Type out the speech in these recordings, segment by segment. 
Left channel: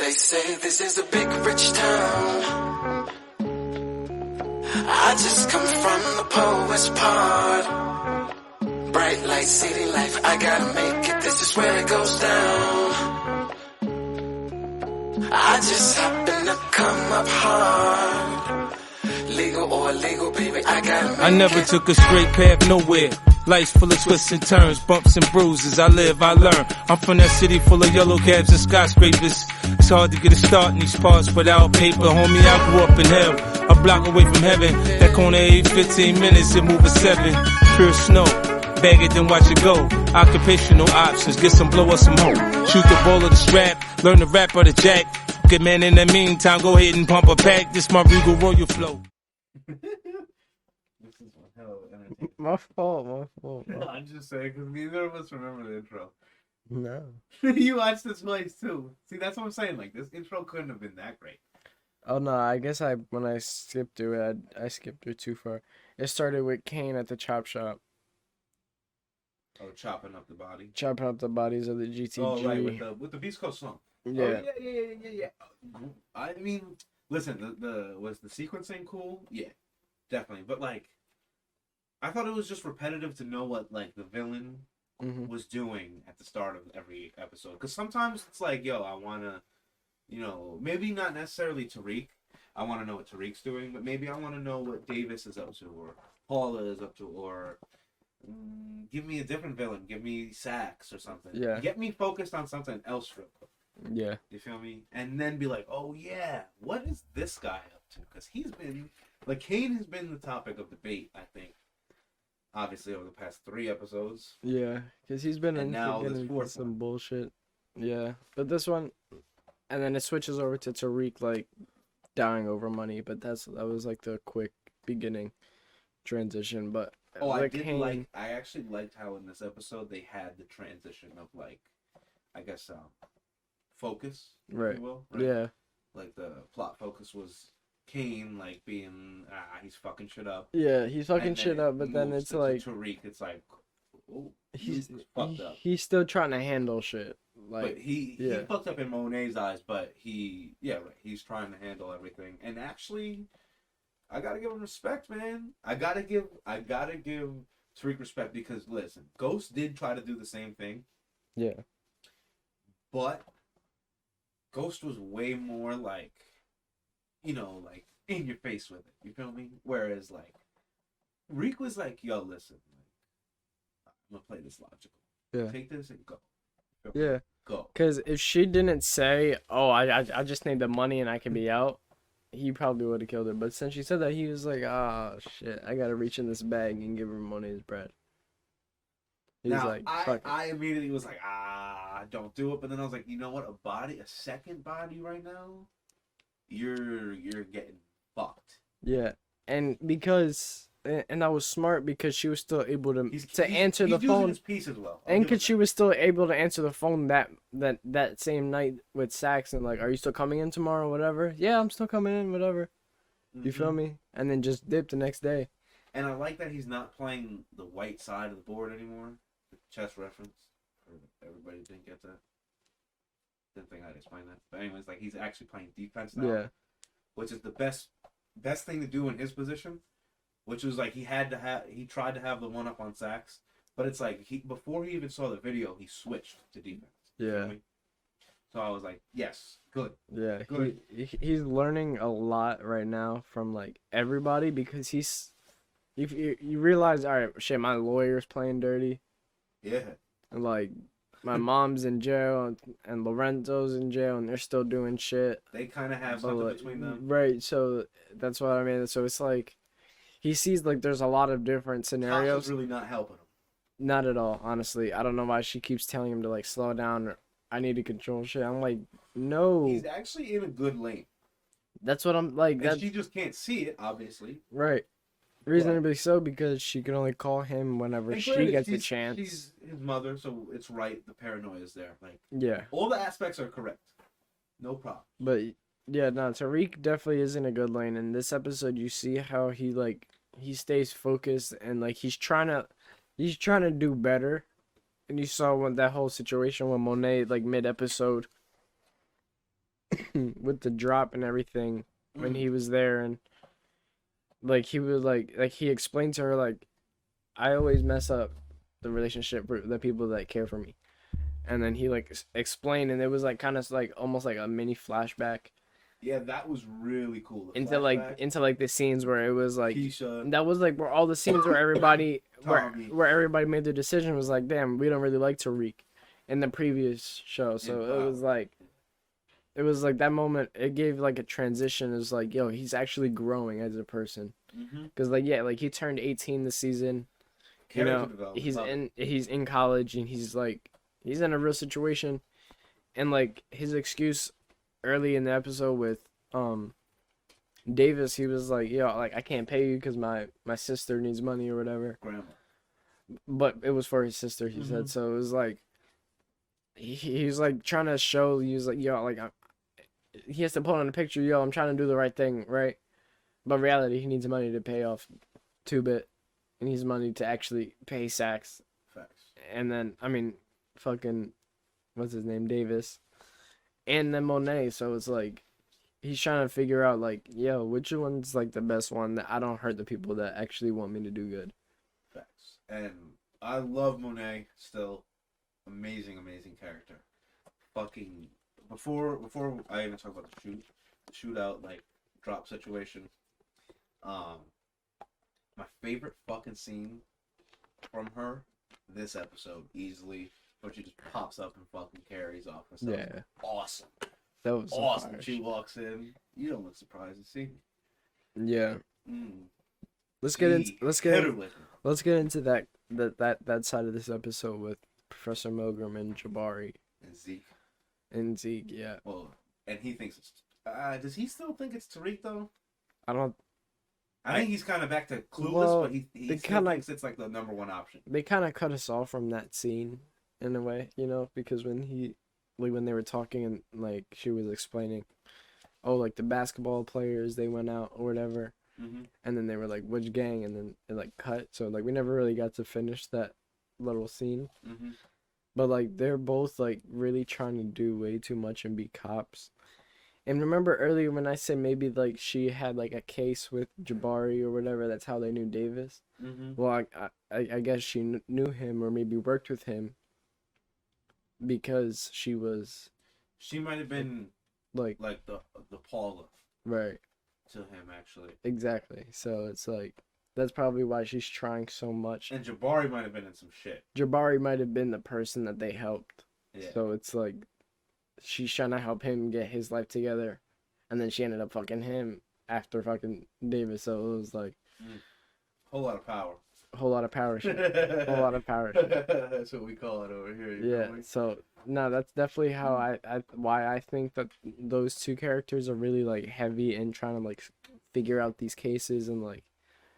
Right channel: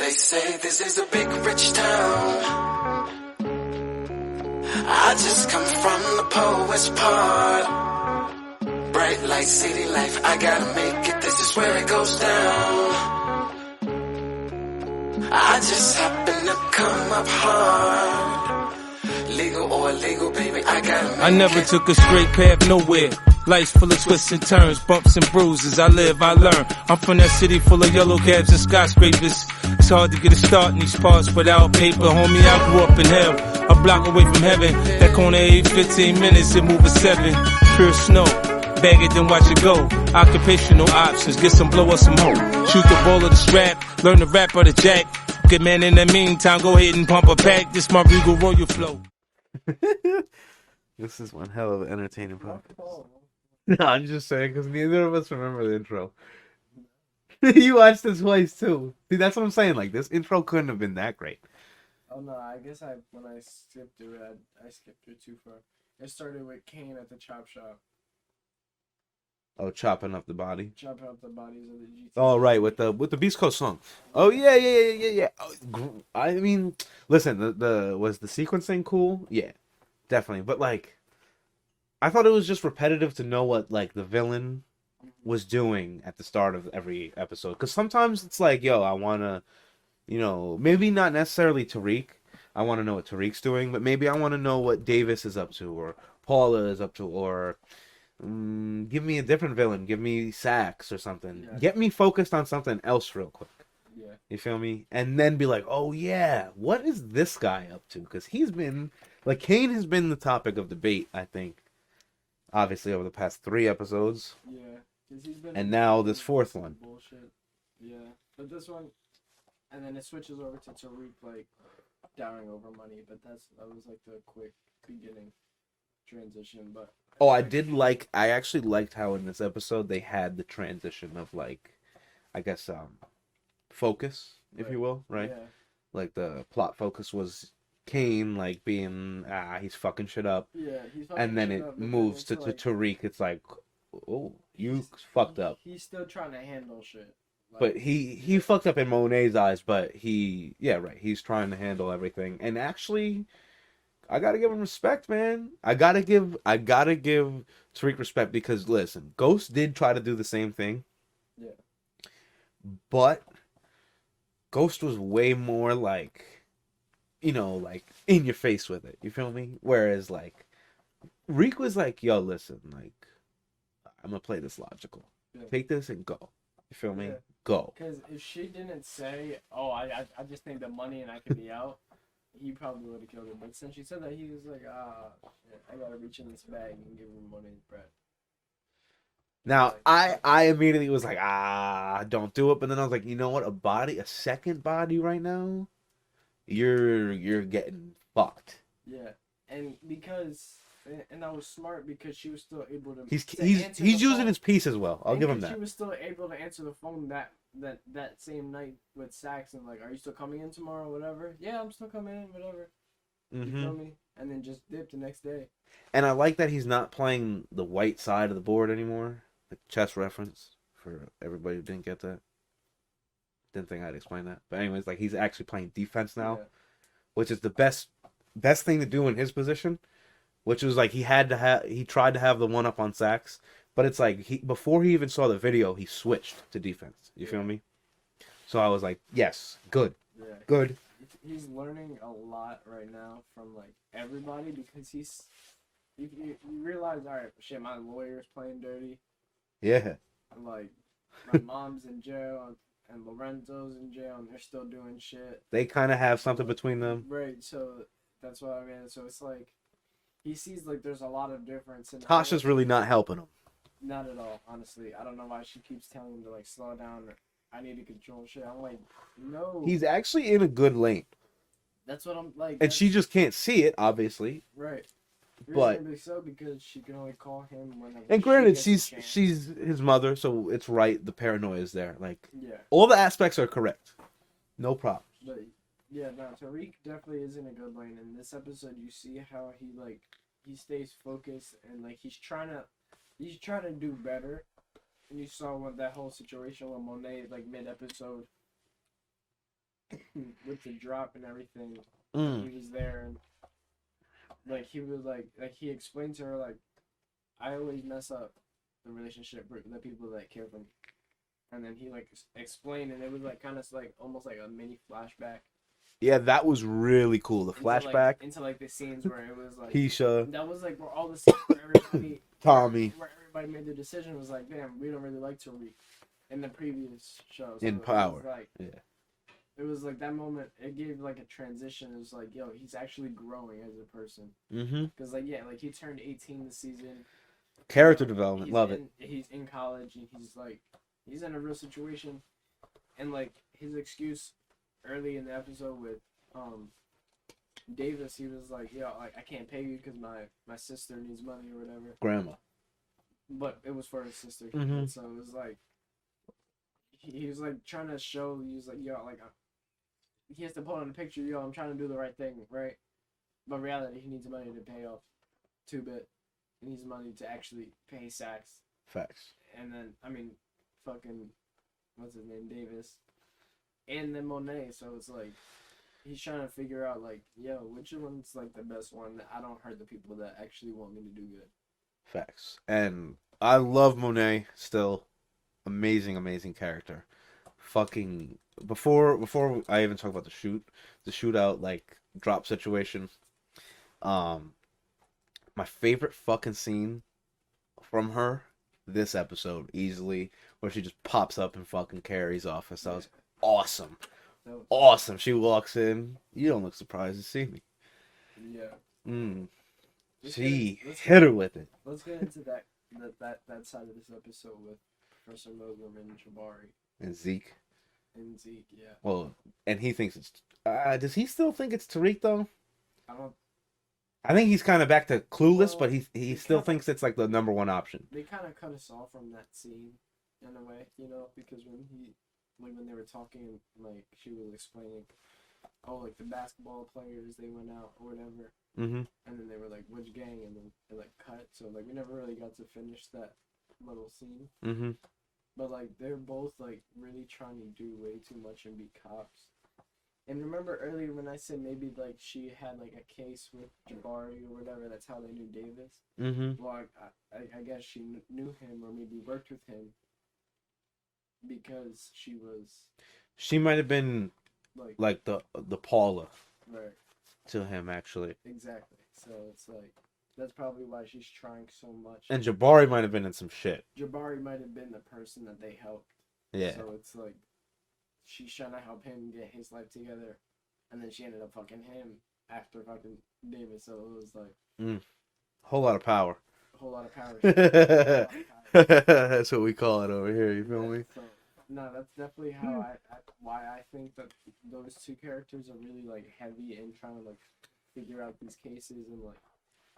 They say this is a big rich town. I just come from the poet's part. Bright light, city life, I gotta make it, this is where it goes down. I just happen to come up hard. Legal or illegal, baby, I gotta make it. I never took a straight path nowhere. Life's full of twists and turns, bumps and bruises. I live, I learn. I'm from that city full of yellow cabs and skyscrapers. It's hard to get a start in these parts without paper. Homie, I grew up in hell, a block away from heaven. That corner every 15 minutes, it move a 7. Pure snow, bag it then watch it go. Occupational options, get some blow or some hoe. Shoot the ball of the strap, learn the rap or the jack. Good man, in the meantime, go ahead and pump a pack. This my Regal Royal flow. This is one hell of an entertaining My podcast. fault. No, I'm just saying because neither of us remember the intro. No. You watched it twice too. See, that's what I'm saying. Like, this intro couldn't have been that great. Oh no, I guess when I skipped through it, I skipped through too far. It started with Kane at the chop shop, Oh, chopping up the body. chopping up the bodies of the GTG. Oh, right, with the Beast Coast song. Oh yeah. Oh, I mean, listen, the was the sequencing cool? Yeah, definitely. But like, I thought it was just repetitive to know what like the villain was doing at the start of every episode. Because sometimes it's like, yo, I wanna, maybe not necessarily Tariq. I want to know what Tariq's doing, but maybe I want to know what Davis is up to, or Paula is up to, or give me a different villain. Give me Sax or something. Yeah. Get me focused on something else real quick. Yeah. You feel me? And then be like, oh yeah, what is this guy up to? Because he's been, like, Kane has been the topic of debate, I think, obviously over the past 3 episodes. Yeah, because he's been And in now fucking this fourth some one. bullshit. Yeah, but this one, and then it switches over to Tariq like dying over money. But that was like the quick beginning transition. But Oh, I like did Kane- like, I actually liked how in this episode they had the transition of, like, I guess, focus, if Right. you will, right? Yeah, Like, the plot focus was Kane, like, being, he's fucking shit up. yeah, he's fucking And then shit it up. But then moves it's to like Tariq, it's like, oh, you he's fucked up. He's still trying to handle shit. Like, But he yeah. fucked up in Monet's eyes, but he's trying to handle everything. And actually, I gotta give him respect, man. I gotta give Tariq respect because listen, Ghost did try to do the same thing, Yeah, but Ghost was way more like, like in your face with it. You feel me? Whereas like Reek was like, yo, listen, like I'm gonna play this logical. Yeah. Take this and go. You feel me? Yeah. Go. because if she didn't say, "Oh, I just need the money and I can be out," he probably would have killed her. But since she said that, he was like, "Ah, shit, I gotta reach in this bag and give her money's bread." He was Now like, "Fuck." I immediately was like, don't do it. But then I was like, you know what? A second body right now, you're getting fucked. Yeah, and that was smart because she was still able to He's answer the using phone. his piece as well. I'll And give him because she that. was still able to answer the phone that same night with Sax and like, "Are you still coming in tomorrow?" Whatever. Yeah, I'm still coming in. Whatever. You feel Mhm. me? And then just dip the next day. And I like that he's not playing the white side of the board anymore. The chess reference for everybody who didn't get that. Didn't think I'd explain that. But anyways, like he's actually playing defense now, Yeah. which is the best thing to do in his position. Which was like he tried to have the one up on Sax, but it's like before he even saw the video, he switched to defense. You feel Yeah. me? So I was like, yes, good. Yeah, Good. He's learning a lot right now from like everybody because you realize, all right, shit, my lawyer's playing dirty, Yeah. and like my mom's in jail and Lorenzo's in jail and they're still doing shit. They kind of have But, something like, between them. right? So that's what I mean. So it's like he sees like there's a lot of different scenarios. Tasha's really not helping him. Not at all, honestly. I don't know why she keeps telling him to like slow down. Or, I need to control shit. I'm like, no. He's actually in a good lane. That's what I'm like. And that's- she just can't see it, obviously. Right. Reasonably so, because she can only call him whenever And she granted, gets a chance. she's his mother, so it's right. The paranoia is there. Like, Yeah, all the aspects are correct. No problem. but yeah, no, Tariq definitely is in a good lane. In this episode, you see how he stays focused and like he's trying to do better. And you saw when that whole situation when Monet like mid episode with the drop and everything when he was there, and like he was like he explained to her like, I always mess up the relationship for the people that care for me, and then he like explained, and it was like kind of like almost like a mini flashback. Yeah, that was really cool. The flashback into like the scenes where it was like Keisha. That was like where all the scenes where everybody Tommy. where everybody made their decision was like, damn, we don't really like Tariq in the previous show. So it was like it was like that moment. It gave like a transition. It was like, yo, he's actually growing as a person. Because like like he turned 18 this season. Character development. He's in college and he's in a real situation, and like his excuse early in the episode with Davis, he was like, yo, like I can't pay you because my sister needs money or whatever. Grandma. But it was for his sister, he said. So it was like he was like trying to show, he was like, yo, like he has to put on a picture, yo, I'm trying to do the right thing, right? But in reality, he needs money to pay off 2-bit. He needs money to actually pay Sax. Facts. And then, I mean, fucking, what's his name, Davis. And then Monet, so it's like, he's trying to figure out, like, yo, which one's, like, the best one that I don't hurt the people that actually want me to do good. Facts. And I love Monet still. Amazing, amazing character. Fucking, before I even talk about the shootout, like, drop situation, my favorite fucking scene from her this episode, easily, where she just pops up in fucking Carrie's office. That was awesome. That was awesome. She walks in. You don't look surprised to see me. Yeah. Let's get into that side of this episode with Professor Milgram and Jabari and Zeke. Yeah. Well, and he thinks it's. Does he still think it's Tariq though? I think he's kind of back to clueless, but he still thinks it's like the number one option. They kind of cut us off from that scene in a way, you know, because when they were talking and like she was explaining, oh, like the basketball players, they went out or whatever, and then they were like, which gang, and then it like cut, so like we never really got to finish that little scene. But like they're both like really trying to do way too much and be cops. And remember earlier when I said maybe like she had like a case with Jabari or whatever, that's how they knew Davis. Well, I guess she knew him or maybe worked with him because she might have been like the Paula, right, to him actually. Exactly. So it's like that's probably why she's trying so much. And Jabari might have been in some shit. Jabari might have been the person that they helped. Yeah. So it's like she's trying to help him get his life together, and then she ended up fucking him after fucking Davis. So it was like whole lot of power. Whole lot of power shit. Whole lot of power shit. That's what we call it over here. You feel me? So no, that's definitely how why I think that those two characters are really like heavy in trying to like figure out these cases and like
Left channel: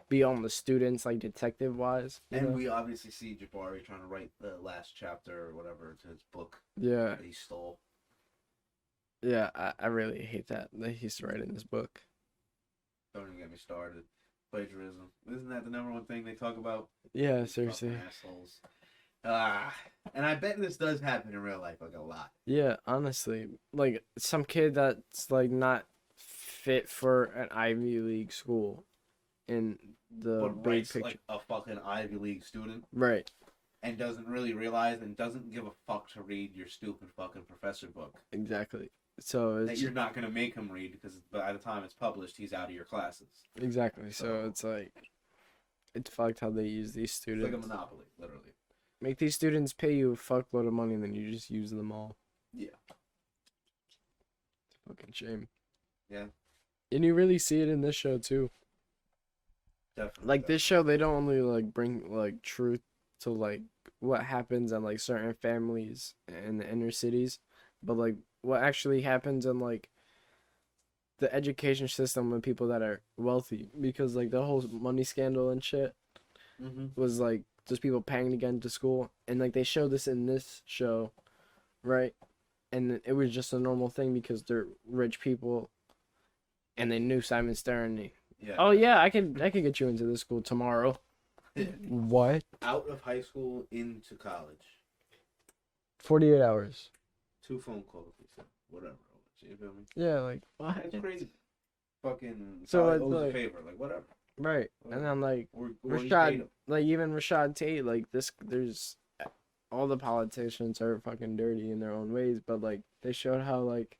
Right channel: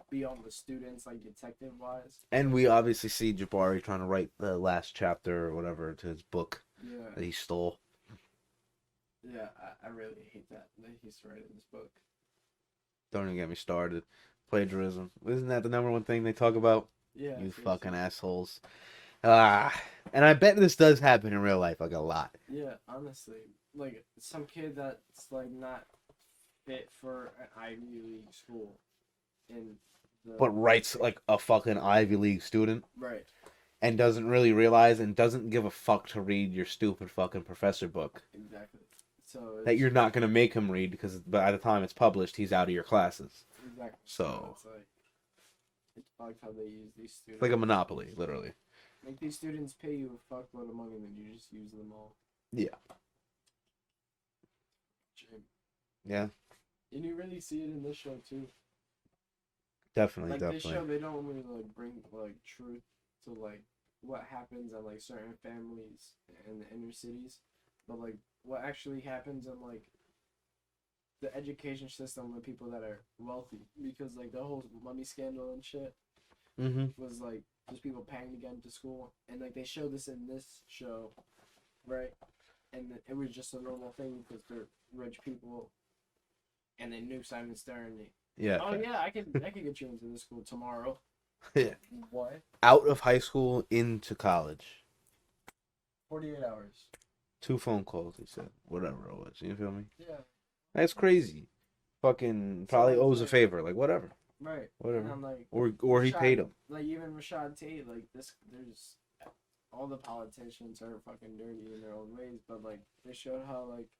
be on the students like detective wise. And we obviously see Jabari trying to write the last chapter or whatever to his book. Yeah. That he stole. Yeah, I really hate that he's writing this book. Don't even get me started. Plagiarism. Isn't that the number one thing they talk about? Yeah, these seriously. fucking assholes. And I bet this does happen in real life, like a lot. Yeah, honestly, like some kid that's like not fit for an Ivy League school, but writes like a fucking Ivy League student, right? And doesn't really realize and doesn't give a fuck to read your stupid fucking professor book. Exactly. So that you're not gonna make him read because by the time it's published, he's out of your classes. Exactly. So it's like it's fucked how they use these students. It's like a monopoly, literally. Make these students pay you a fuckload of money and then you just use them all. Yeah. Fucking shame. Yeah. And you really see it in this show too. Definitely. Like this show, they don't only like bring like truth to like what happens in like certain families in the inner cities, but like what actually happens in like the education system with people that are wealthy, because like the whole money scandal and shit was like just people paying to get into school, and like they show this in this show, right? And it was just a normal thing because they're rich people, and they knew Simon Stern. Yeah. Oh yeah, I could get you into this school tomorrow. Yeah. What? Out of high school into college. 48 hours. 2 phone calls. He said whatever it was. You feel me? Yeah, like what? That's crazy. Fucking So probably it's owes a like- favor. Like whatever. Right. Whatever. And I'm like, Or he paid him. Like even Rashad Tate, like there's all the politicians are fucking dirty in their own ways, but like they showed how like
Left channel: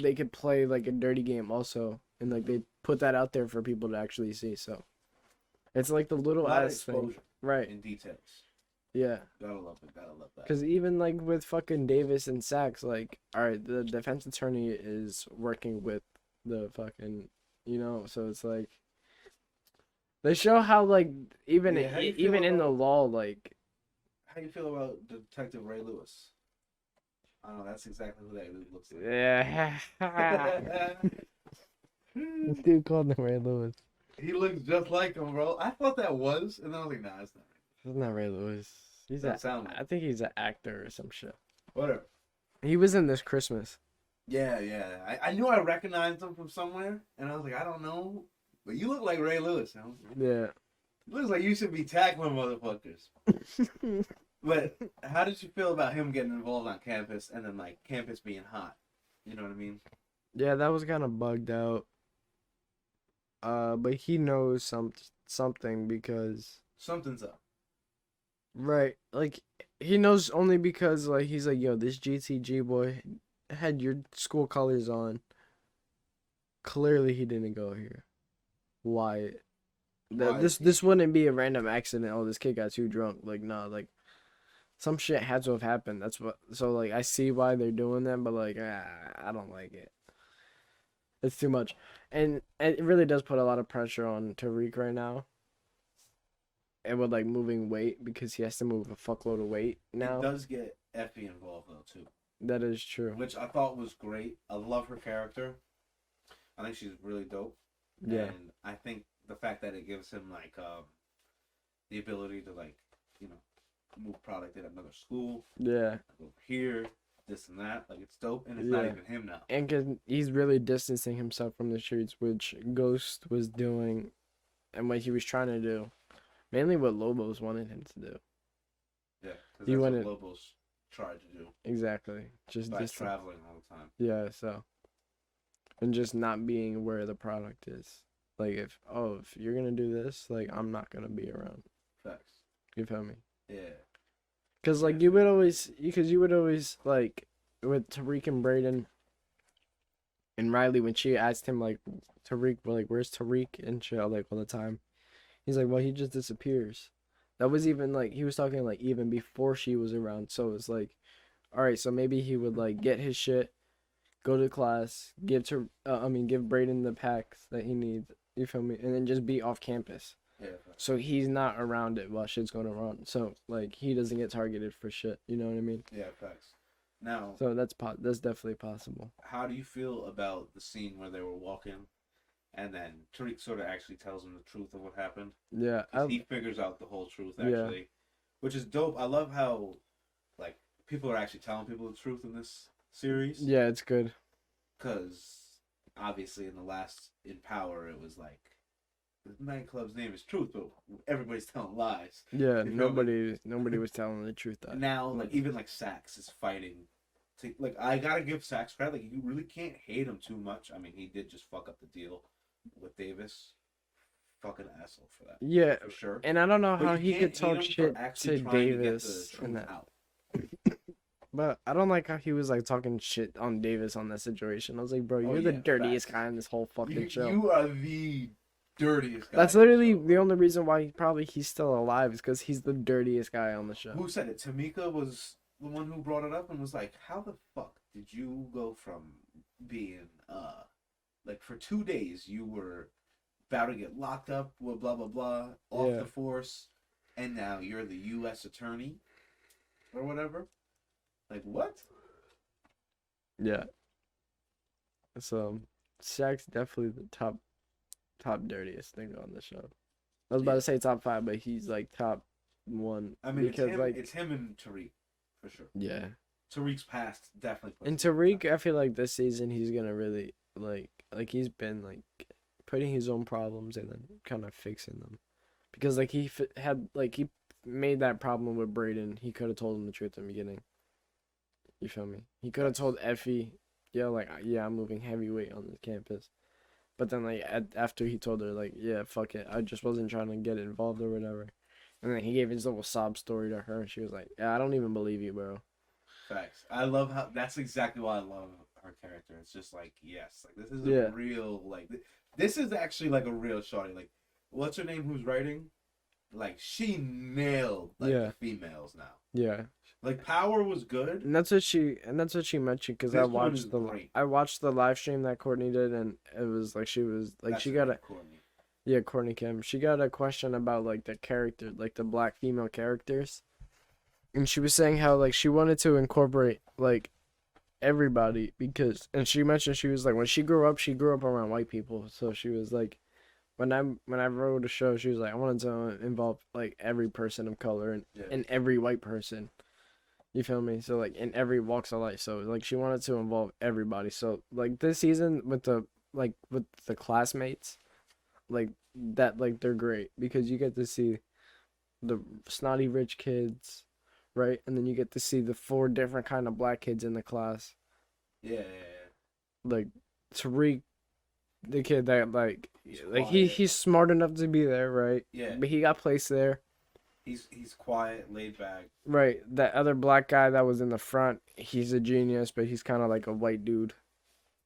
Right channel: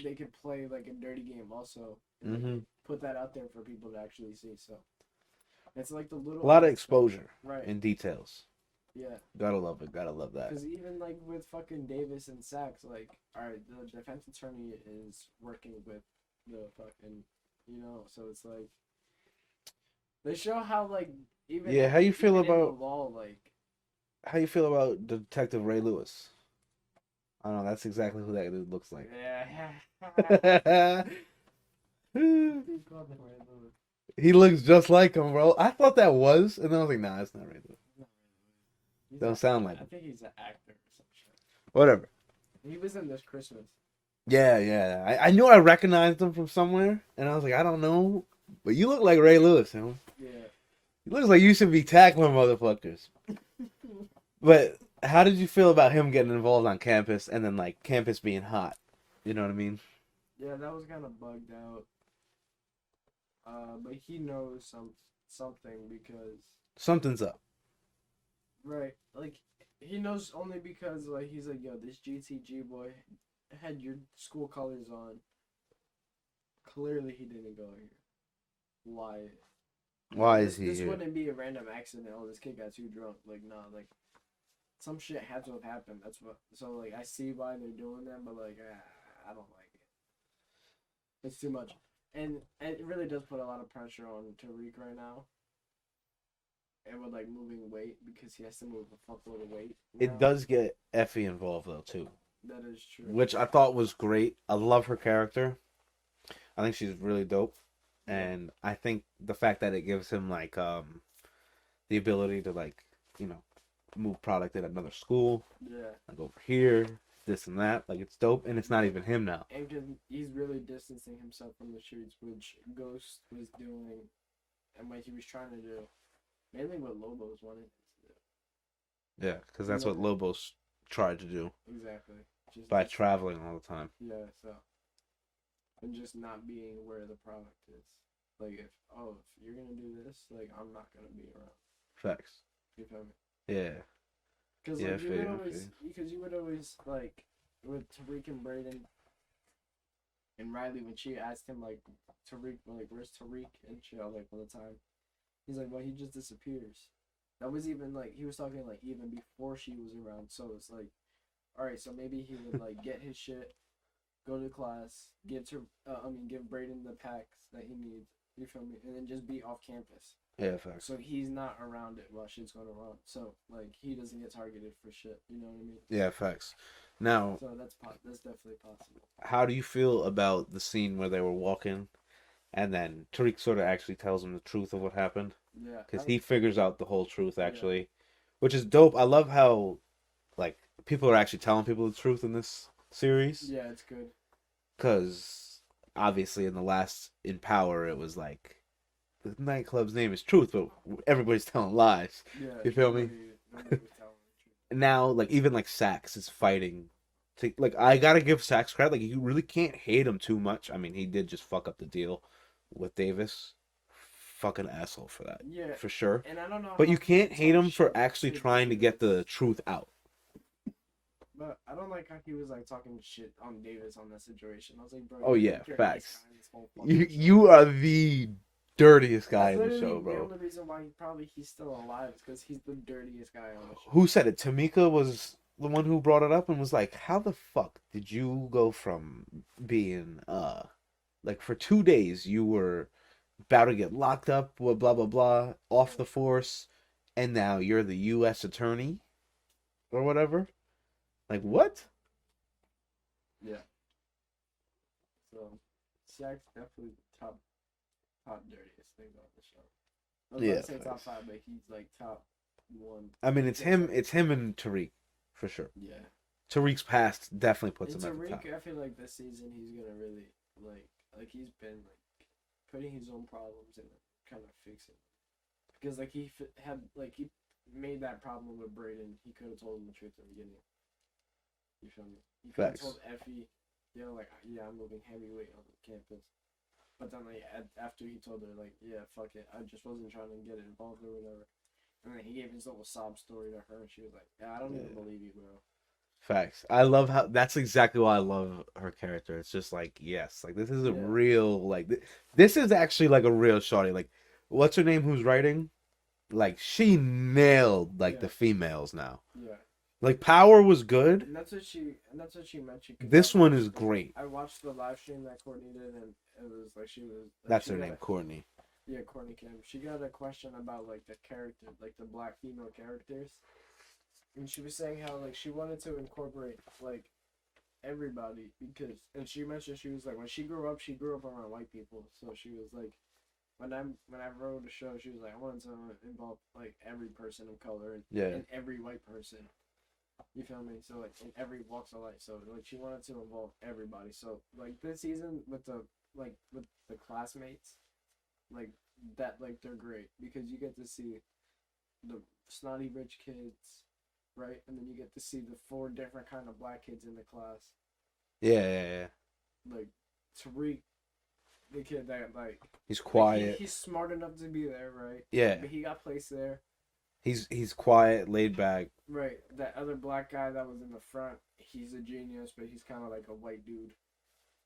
they could play like a dirty game also, and like they put that out there for people to actually see. So it's like the little A lot of ass thing. exposure, right? in details. Yeah, Gotta love it. Gotta love that. because even like with fucking Davis and Sachs, like all right, the defense attorney is working with the fucking, so it's like they show how like even how you feel even in the about- law like. How you feel about Detective Ray Lewis? I don't know. That's exactly who that dude looks like. Yeah. This dude called him Ray Lewis. He looks just like him, bro. I thought that was, and then I was like, nah, that's not Ray Lewis. It's not Ray Lewis. Doesn't sound like I him. think he's an actor or some shit. Whatever. He was in This Christmas. Yeah. I knew I recognized him from somewhere, and I was like, I don't know, but you look like Ray Lewis, you know? Yeah. He looks like you should be tackling motherfuckers. But how did you feel about him getting involved on campus and then like campus being hot? You know what I mean? Yeah, that was kind of bugged out. But he knows something because Something's up. right, like he knows only because like he's like, yo, this GTG boy had your school colors on. Clearly, he didn't go here. Why? Why This is he this here? wouldn't be a random accident. Oh, this kid got too drunk. Like, nah, like some shit had to have happened. That's what. So like, I see why they're doing that, but like, I don't like it. It's too much, and it really does put a lot of pressure on Tariq right now. And with like moving weight because he has to move a fuckload of weight now. It does get Effie involved though too, That is true. which I thought was great. I love her character. I think she's really dope. Yeah. And I think the fact that it gives him like the ability to like, move product at another school, Yeah. like over here, this and that, like it's dope, and it's not Yeah. even him now. And 'cause he's really distancing himself from the streets, which Ghost was doing, and what he was trying to do, mainly what Lobos wanted him to do. Yeah, because He that's what wouldn't- Lobos tried to do Exactly. Just by dis- traveling all the time. Yeah. So. And just not being where the product is. Like if you're gonna do this, like I'm not gonna be around. Facts. You feel me? Yeah. Because Yeah, like you would fair, always, like with Tariq and Braden and Riley when she asked him like Tariq, like where's Tariq and shit, like all the time. He's like, well, he just disappears. That was even like he was talking like even before she was around. So it's like, all right, so maybe he would like get his shit, go to class, give Braden the packs that he needs. You feel me? And then just be off campus. Yeah, facts. So he's not around it while shit's going around. So like he doesn't get targeted for shit. You know what I mean? Yeah, facts. Now, So that's definitely possible. how do you feel about the scene where they were walking, and then Tariq sort of actually tells him the truth of what happened? Yeah. Because he figures out the whole truth Yeah. actually, which is dope. I love how, like, people are actually telling people the truth in this series. Yeah, it's good. Because obviously in Power it was like the nightclub's name is Truth, but everybody's telling lies. Yeah. You feel me? Nobody was telling the truth. Though. Now, like, even like Sax is fighting. Like, I gotta give Sax credit. Like, you really can't hate him too much. I mean, he did just fuck up the deal with Davis. Fucking asshole for that. Yeah. For sure. And I don't know But how you he can't could hate talk him for shit actually to trying to get the Davis truth and that. out. But I don't like how he was like talking shit on Davis on that situation. I was like, bro, you're Oh, the yeah, dirtiest facts. guy in this whole fucking show. You are the dirtiest guy. That's in the literally show, the bro. only reason why he's still alive is because he's the dirtiest guy on the show. Who said it? Tamika was the one who brought it up and was like, how the fuck did you go from being, like, for 2 days you were about to get locked up, blah, blah, blah, off Yeah. the force, and now you're the U.S. attorney? Or whatever? Like, what? Yeah. So, Shaq's definitely the top dirtiest thing on the show. I was about Yeah. to say top 5, but he's like top 1. I mean, because, it's him. like- It's him and Tariq, for sure. Yeah. Tariq's past definitely puts And him at the Tariq, top. I feel like this season he's gonna really like he's been like putting his own problems and then kind of fixing them, because like he had like he made that problem with Braden. He could have told him the truth in the beginning. You feel me? He could have Facts. told Effie, yeah, like, yeah, I'm moving heavyweight on the campus. But then, like, after he told her, like, yeah, fuck it, I just wasn't trying to get involved or whatever. And then he gave his little sob story to her, and she was like, yeah, I don't even believe you, bro. Facts. I love how that's exactly why I love her character. It's just like, yes, like this is a Yeah. real like this is actually like a real shorty. Like, what's her name? Who's writing? Like, she nailed like Yeah. the females now. Yeah. Like, Power was good. And that's what she mentioned, because This one is great. I watched the live stream that Courtney did, and it was like she was like That's she her got name, a Courtney. yeah, Courtney Kim. She got a question about like the character, like the black female characters. And she was saying how like she wanted to incorporate like everybody, because, and she mentioned she was like, when she grew up around white people. So she was like, when I wrote a show, she was like, I wanted to involve like every person of color and every white person. You feel me? So like in every walks of life. So like she wanted to involve everybody. So like this season with the classmates, like that, like they're great because you get to see the snotty rich kids, right? And then you get to see the 4 different kind of black kids in the class. Yeah. Like Tariq, the kid that like He's quiet. Like he's smart enough to be there, right? Yeah. But he got placed there. He's quiet, laid back. Right. That other black guy that was in the front, he's a genius, but he's kind of like a white dude.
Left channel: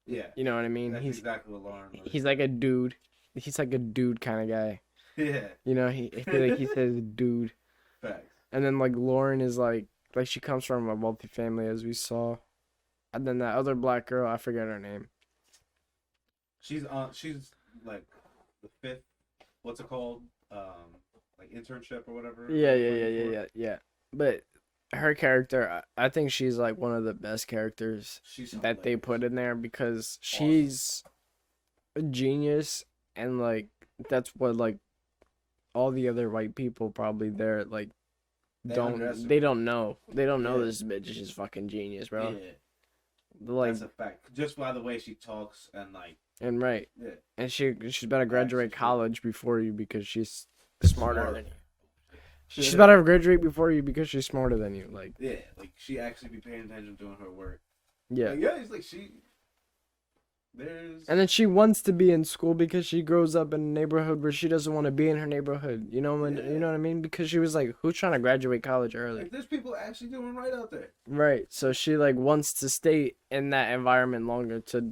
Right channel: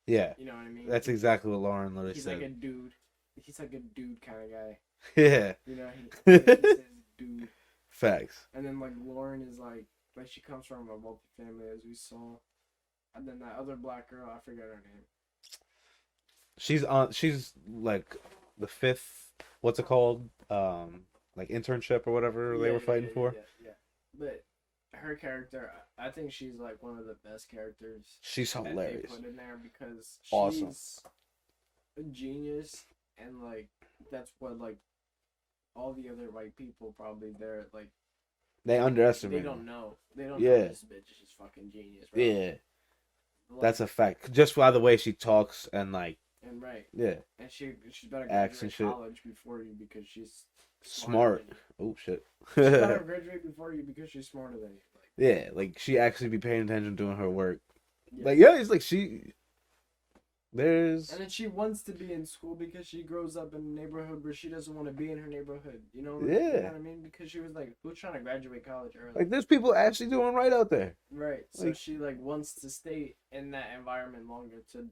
Yeah. You know what I mean? That's exactly what Lauren Lewis He's said. like a dude. He's like a dude kind of guy. Yeah. You know, he says dude. Facts. And then like Lauren is like she comes from a wealthy family, as we saw. And then that other black girl, I forget her name. She's like the 5th, what's it called? Like internship or whatever. Yeah. But her character, I think she's like one of the best characters She's that hilarious. they put in there, because Awesome. she's a genius, and like that's what like all the other white people probably there like They don't, underestimate. they don't know this bitch is fucking genius, bro. Yeah. Like, That's a fact. Just by the way she talks and like. and right. Yeah. And she's better graduate Shit. college before you, because she's smarter than you. Oh shit. She's better graduate before you because she's smarter than you. Like, yeah, like she actually be paying attention doing her work. yeah. Like, yeah, it's like there's. And then she wants to be in school because she grows up in a neighborhood where she doesn't want to be in her neighborhood. You know, you know what I mean? Because she was like, who's trying to graduate college early? Like, there's people actually doing right out there. Right. So like, she like wants to stay in that environment longer to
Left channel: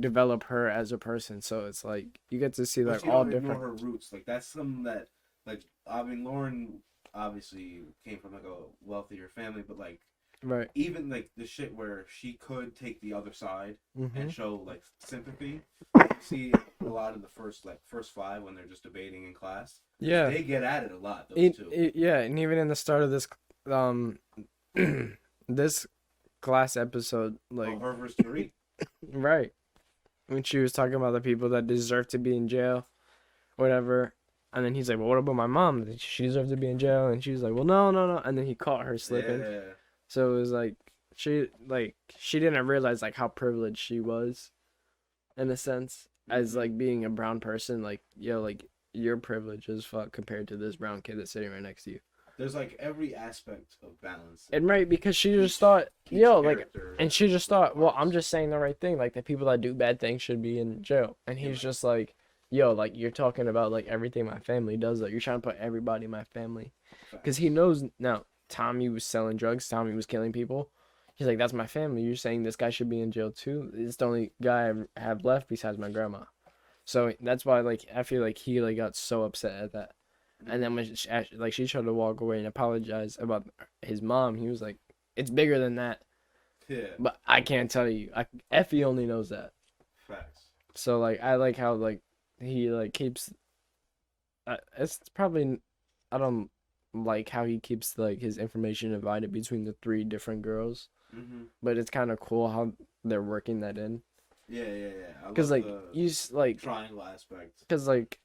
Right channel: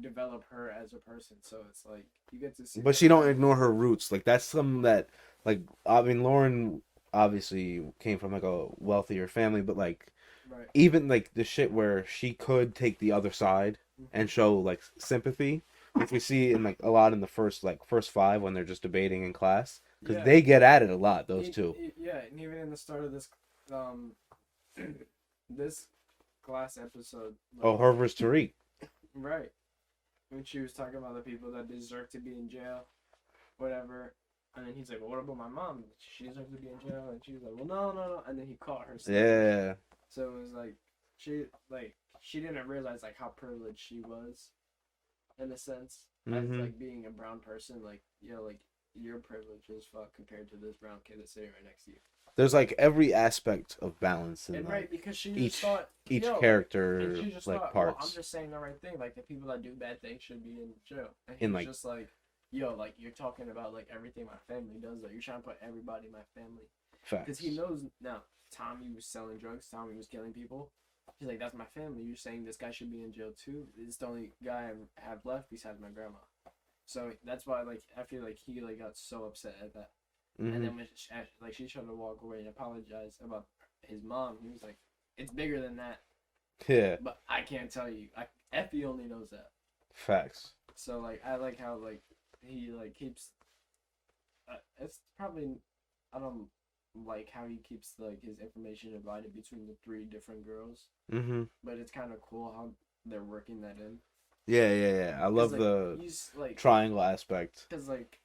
develop her as a person. So it's like you get to see. But like, she all don't ignore different- her roots. Like, that's something that, like, I mean, Lauren obviously came from like a wealthier family, but like, Right. even like the shit where she could take the other side Mhm. and show like sympathy, like we see in like a lot in the first 5 when they're just debating in class. 'Cause Yeah. they get at it a lot. Those two. Yeah, and even in the start of this, this class episode, like Oh, her versus Tariq. right, when she was talking about the people that deserve to be in jail, whatever, and then he's like, "Well, what about my mom? She deserves to be in jail," and she was like, "Well, no," and then he caught her slipping. Yeah. So it was like she didn't realize like how privileged she was, in a sense, as Mhm. like being a brown person. Like, yo, like your privilege is fuck compared to this brown kid that's sitting right next to you. There's like every aspect of balance. in, And like, right, because she each- just thought, each yo, like, character, and she just like, thought, well, I'm parts. just saying the right thing. Like the people that do bad things should be in jail. And he's And, like- just like, yo, like you're talking about like everything my family does. Like you're trying to put everybody in my family. Because he Facts. knows now Tommy was selling drugs. Tommy was killing people. He's like, that's my family. You're saying this guy should be in jail too. It's the only guy I have left besides my grandma. So that's why, like, I feel like he like got so upset at that. Mhm. And then when she tried to walk away and apologize about his mom, he was like, it's bigger than that. Yeah. But I can't tell you. Effie only knows that. Facts. So like I like how like he like keeps. It's probably I don't like how he keeps like his information divided between the 3 different girls, Mm-hmm. but it's kind of cool how they're working that in. Yeah. I love Because like the you like triangle aspect. because like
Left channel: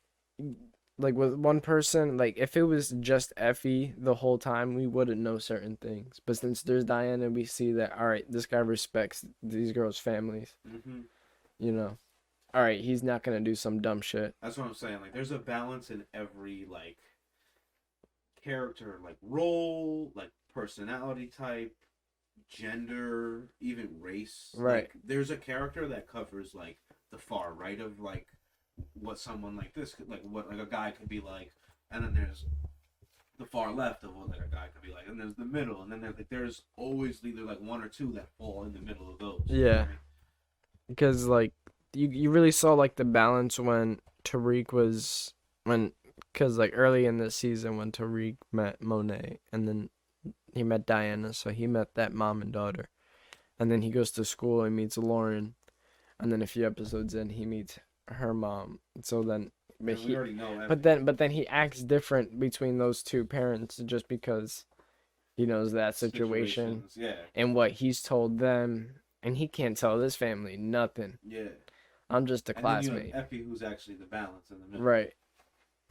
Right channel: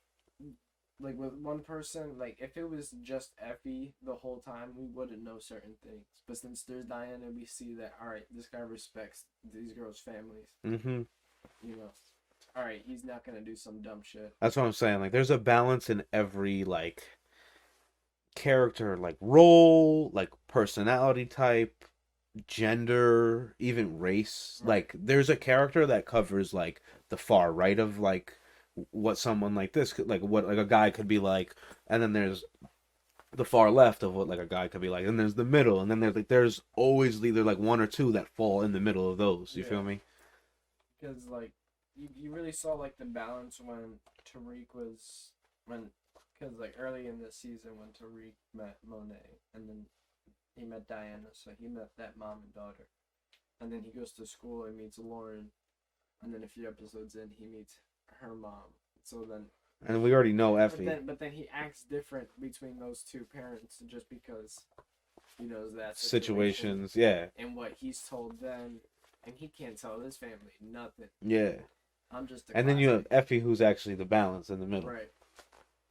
with one person, like if it was just Effie the whole time, we wouldn't know certain things. But since there's Diana, we see that all right, this guy respects these girls' families. Mm-hmm. You know, all right, he's not gonna do some dumb shit. That's what I'm saying. Like, there's a balance in every like character, like role, like personality type, gender, even race. Right. Like, there's a character that covers like the far right of like what someone like this could, like what like a guy could be like, and then there's the far left of what like a guy could be like, and there's the middle, and then there's always either like one or two that fall in the middle of those. You Yeah. feel me? Because like you really saw like the balance when Tariq was when because like early in the season when Tariq met Monet and then he met Diana, so he met that mom and daughter, and then he goes to school and meets Lauren, and then a few episodes in he meets her mom. So then, And we already know Effie. but then he acts different between those two parents just because he knows that situation situations, yeah, and what he's told them, and he can't tell this family nothing. yeah. I'm just a And then you have classmate. Effie, who's actually the balance in the middle. Right.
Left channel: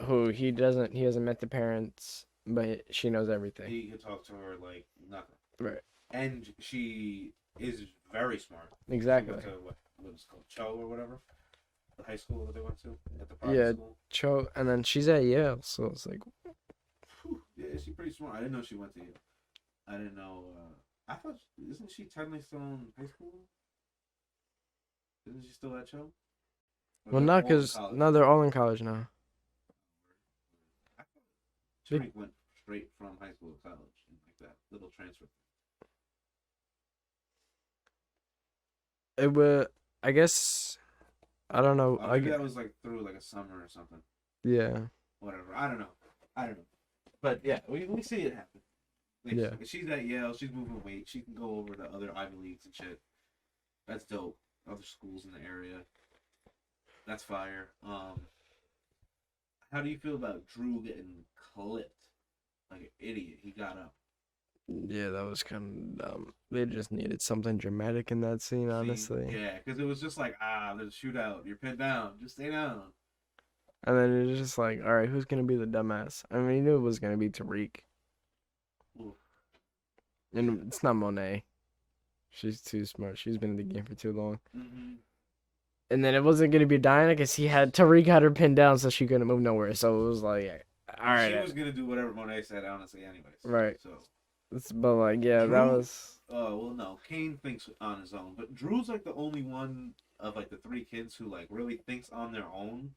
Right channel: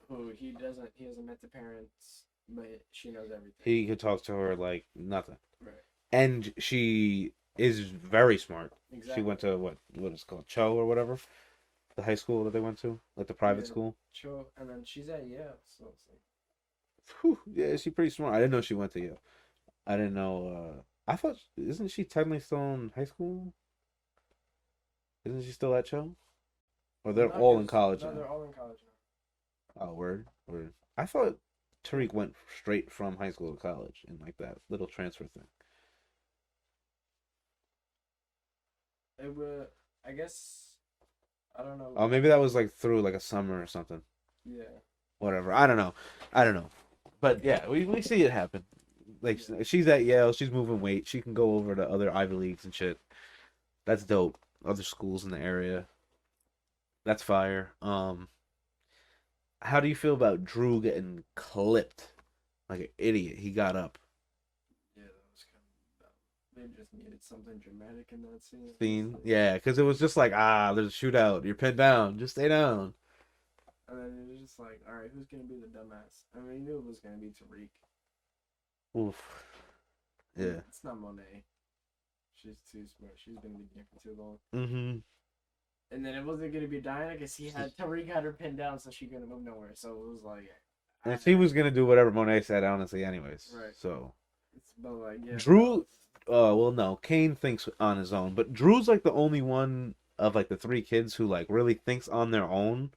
Who he hasn't met the parents, but she knows everything. He could talk to her like nothing. Right. And she is very smart. Exactly. She went to what is it called, Cho or whatever, the high school that they went to, like the private school. Cho, and then she's at Yale, so it's like, Whew, yeah, she's pretty smart. I didn't know she went to Yale. I didn't know. I thought, isn't she technically still in high school? Isn't she still at Cho? Or well, they're not all in because college? no, they're all in college now. Oh, word. I thought Tariq went straight from high school to college in like that little transfer thing. It would, I guess, I don't know. Oh, maybe that was like through like a summer or something. Yeah. Whatever. I don't know. But yeah, we see it happen. Like, Yeah. she's at Yale. She's moving weight. She can go over to other Ivy Leagues and shit. That's dope. Other schools in the area. That's fire. How do you feel about Drew getting clipped like an idiot? He got up. Yeah, that was kind of dumb. They just needed something dramatic in that scene, honestly. Yeah, because it was just like, there's a shootout. You're pinned down. Just stay down. And then it was just like, all right, who's gonna be the dumbass? I mean, you knew it was gonna be Tariq. Oof. And Yeah. it's not Monet. She's too smart. She's been in the game for too long. Mm-hmm. And then it wasn't gonna be Diana because Tariq had her pinned down, so she couldn't move nowhere. So it was like, all right. She was gonna do whatever Monet said, honestly, anyways. Right. So. But like, yeah, Drew. that was. Well, no. Kane thinks on his own, but Drew's like the only one of like the three kids who like really thinks on their own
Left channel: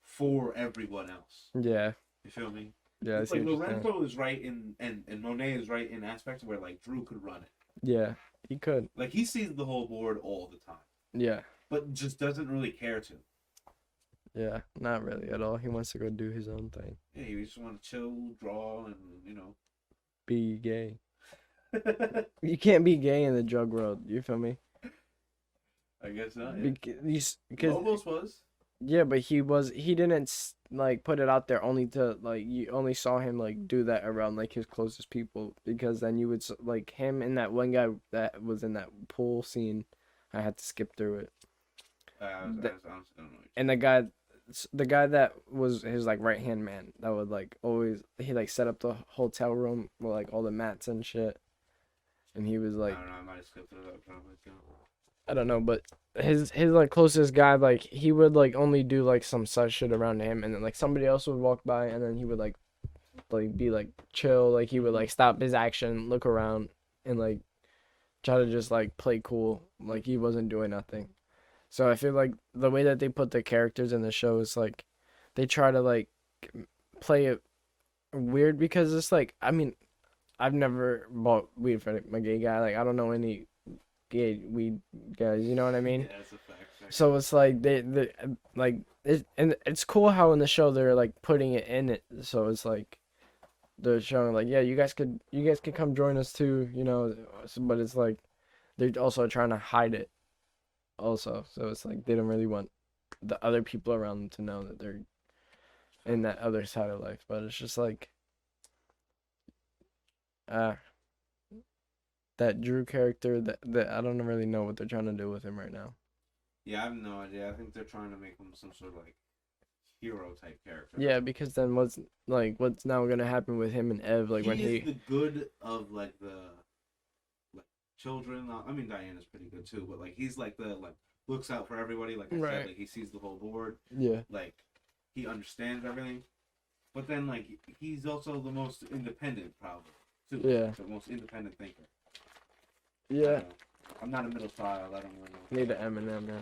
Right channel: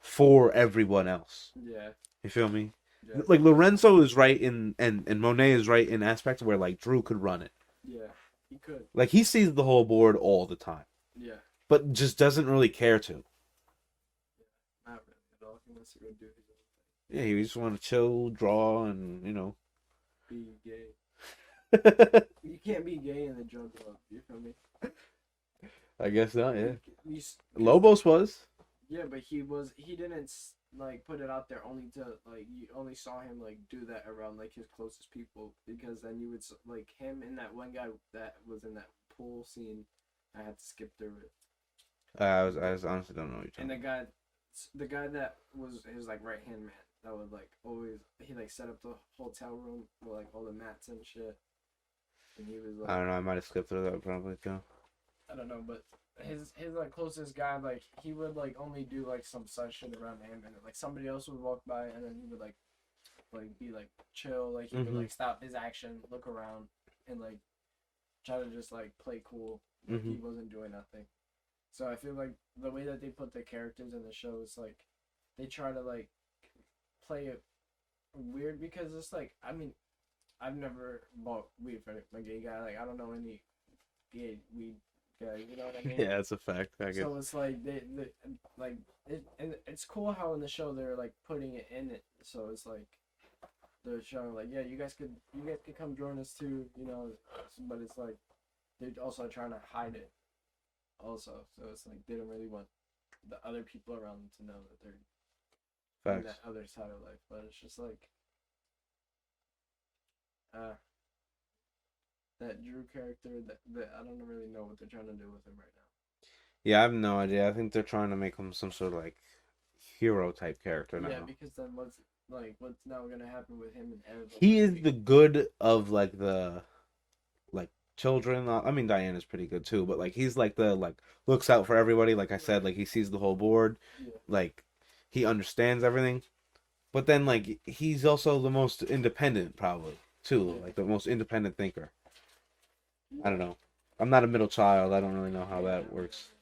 for everyone else. Yeah. You feel me? Yeah. Like Lorenzo is right in and Monet is right in aspects where like Drew could run it. Yeah, he could. Like he sees the whole board all the time, Yeah. but just doesn't really care to. Yeah, not really at all. He wants to go do his own thing. Yeah, he just want to chill, draw, and Be gay. You can't be gay in the drug world. You feel me? I guess not. Yeah. You, Lobos was. Yeah, but he didn't like put it out there only to like you only saw him like do that around like his closest people, because then you would like him and that one guy that was in that pool scene. I had to skip through it. I honestly don't know. And the guy that was his like right hand man that would like always he like set up the hotel room with like all the mats and shit, and he was like I don't know. I might have skipped through that probably too. I don't know, but his like closest guy, like he would like only do like some such shit around him, and then like somebody else would walk by, and then he would like be like chill, like he would like stop his action, look around, and like try to just like play cool, like he wasn't doing nothing. So I feel like the way that they put the characters in the show is like they try to like play it weird, because it's like, I mean, I've never bought weed for my gay guy, like I don't know any gay weed guys, you know what I mean? Yeah, that's a fact. So it's like they like it, and it's cool how in the show they're like putting it in it. So it's like they're showing like, yeah, you guys could come join us too, you know. But it's like they're also trying to hide it, also. So it's like they don't really want the other people around them to know that they're in that other side of life. But it's just like that Drew character that I don't really know what they're trying to do with him right now. Yeah, I have no idea. I think they're trying to make him some sort of like hero type character. Yeah, because then what's now gonna happen with him and Ev? Like he is the good of like the like children. I mean, Diana's pretty good too, but like he's like the like looks out for everybody. Like I said, like he sees the whole board. Yeah. Like he understands everything, but then like he's also the most independent probably too. Yeah. Like, the most independent thinker. Yeah. I don't know. I'm not a middle child. I don't really know how Maybe that Eminem, works. yeah.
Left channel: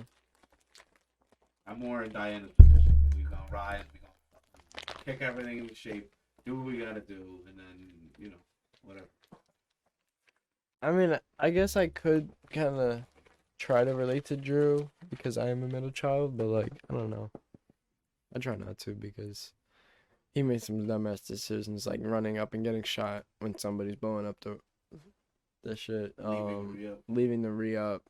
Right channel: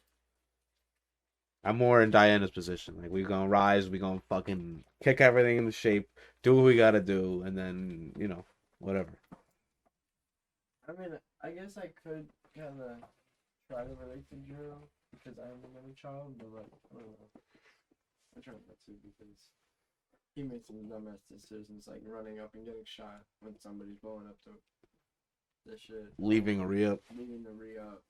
I'm more in Diana's position. Like, we gonna rise, we gonna fucking kick everything into shape, do what we gotta do, and then, whatever. I mean, I guess I could kind of try to relate to Drew because I am a middle child, but like, I don't know. I try not to because he made some dumbass decisions, like running up and getting shot when somebody's blowing up the shit. Leaving a re-up. Leaving the re-up.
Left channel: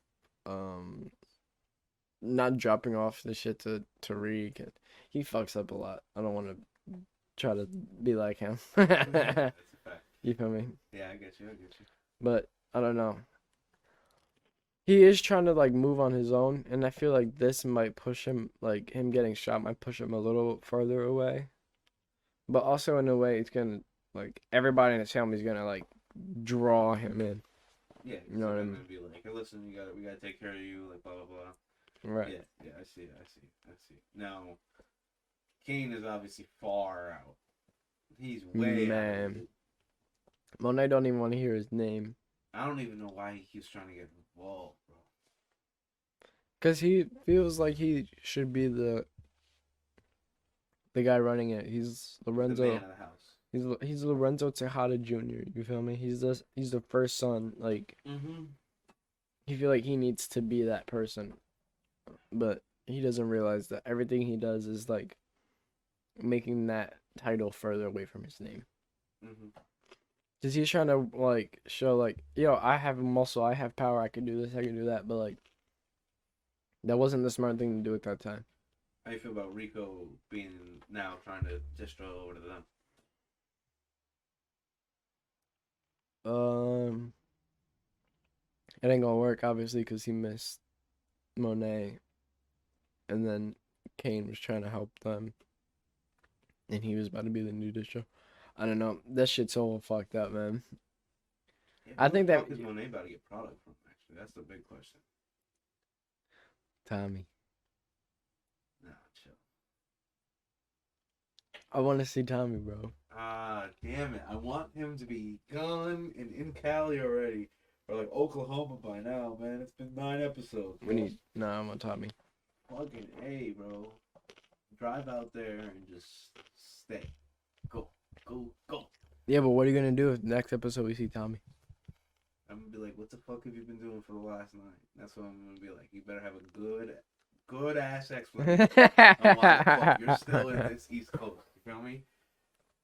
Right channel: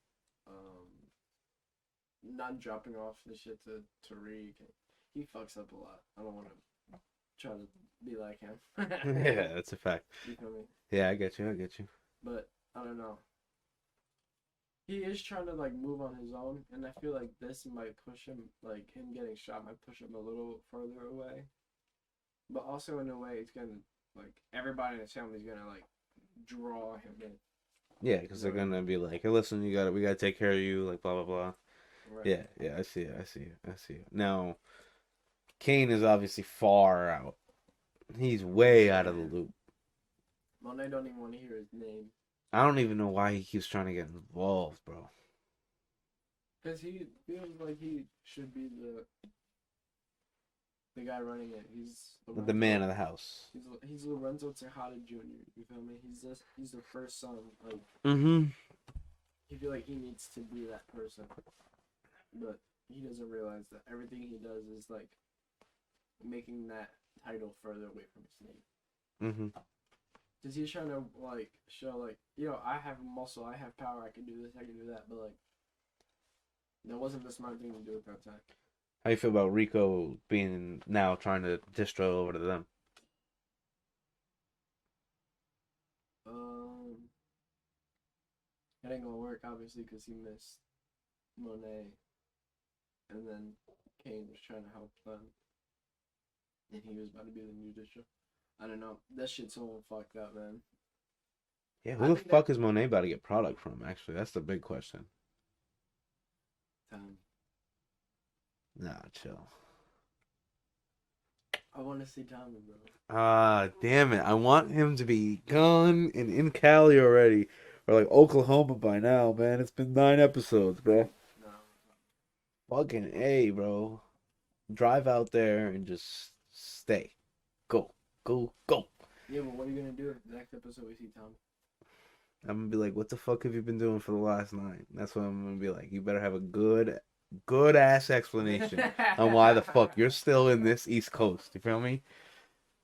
Not dropping off the shit to Tariq. And he fucks up a lot. I don't want to try to be like him. Yeah, that's a fact. You feel me? Yeah, I get you. But I don't know. He is trying to like move on his own, and I feel like this might push him, like him getting shot might push him a little further away. But also in a way, it's gonna like everybody in his family is gonna like draw him in. Yeah, because You know they're what I gonna be like, hey, listen, we gotta take care of you, like blah blah blah. Right. Yeah, I see it. Now, Kane is obviously far out. He's way out of the Man. loop. Monet don't even want to hear his name. I don't even know why he keeps trying to get involved, bro. Cause he feels like he should be the guy running it. He's Lorenzo. The man of the house. He's Lorenzo Tejada Jr. You feel me? He's the first son. Like Mm-hmm. you feel like he needs to be that person, but he doesn't realize that everything he does is like making that title further away from his name. Mm-hmm. Cause he's trying to like show like, yo, I have muscle, I have power, I can do this, I can do that, but like that wasn't the smart thing to do at that time. How you feel about Rico being now trying to distro over to them? It ain't gonna work obviously because he missed Monet, and then Kane was trying to help them, and he was about to be the new distro. I don't know. That shit's all fucked up, man. Yeah, I who think the fuck that- is Monet about to get product from? Actually, that's the big question. Tommy, Nah, chill. I want to see Tommy, bro. Ah, damn it! I want him to be gone and in Cali already, or like Oklahoma by now, man. It's been 9 episodes, bro. Nah, I want Tommy. Fucking A, bro. Drive out there and just stay. Go. Yeah, but what are you gonna do if next episode we see Tommy? I'm gonna be like, what the fuck have you been doing for the last 9? That's what I'm gonna be like. You better have a good ass explanation on why the fuck you're still in this East Coast. You feel me?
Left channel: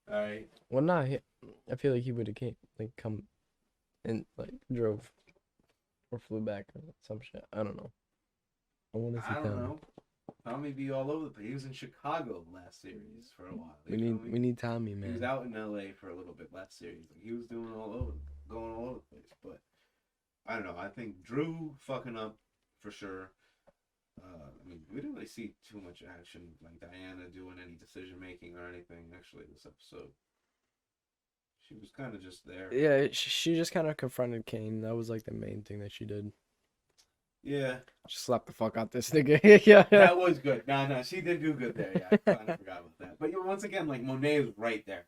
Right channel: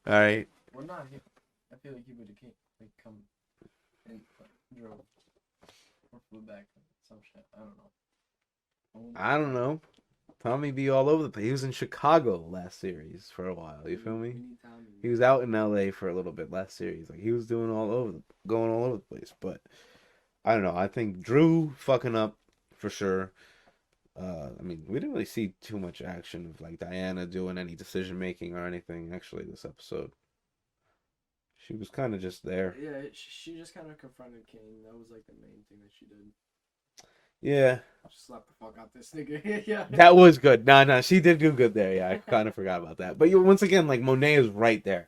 All right. Well, nah. I feel like he would have come, and like drove, or flew back or some shit. I don't know. I don't know. Tommy be all over the place. He was in Chicago last series for a while. You feel me? We need Tommy, man. He was out in LA for a little bit last series. Like, he was doing going all over the place. But I don't know. I think Drew fucking up for sure. I mean, we didn't really see too much action of like Diana doing any decision making or anything actually this episode. She was kind of just there. Yeah, she just kind of confronted Kane. That was like the main thing that she did. Yeah. Just slap the fuck out this nigga. Yeah. That was good. Nah, she did do good there. Yeah, I kind of forgot about that. But once again, like, Monet is right there.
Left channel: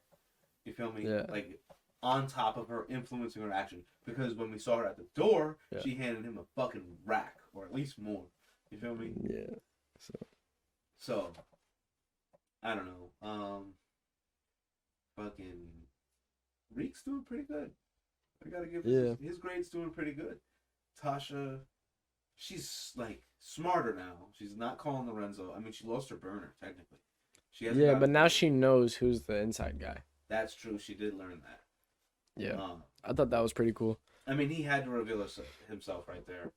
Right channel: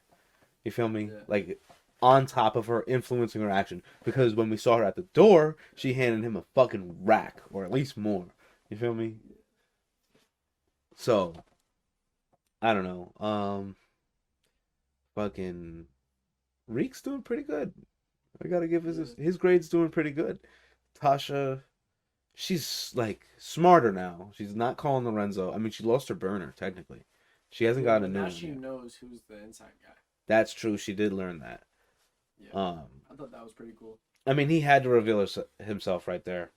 You feel me? Yeah. Like, on top of her, influencing her action. Because when we saw her at the door, Yeah. she handed him a fucking rack, or at least more. You feel me? Yeah. So, I don't know. Fucking Reek's doing pretty good. I gotta give his grade's doing pretty good. Tasha, she's like smarter now. She's not calling Lorenzo. I mean, she lost her burner technically. She hasn't got. But now she knows who's the inside guy. That's true. She did learn that. Yeah. I thought that was pretty cool. I mean, he had to reveal himself right there.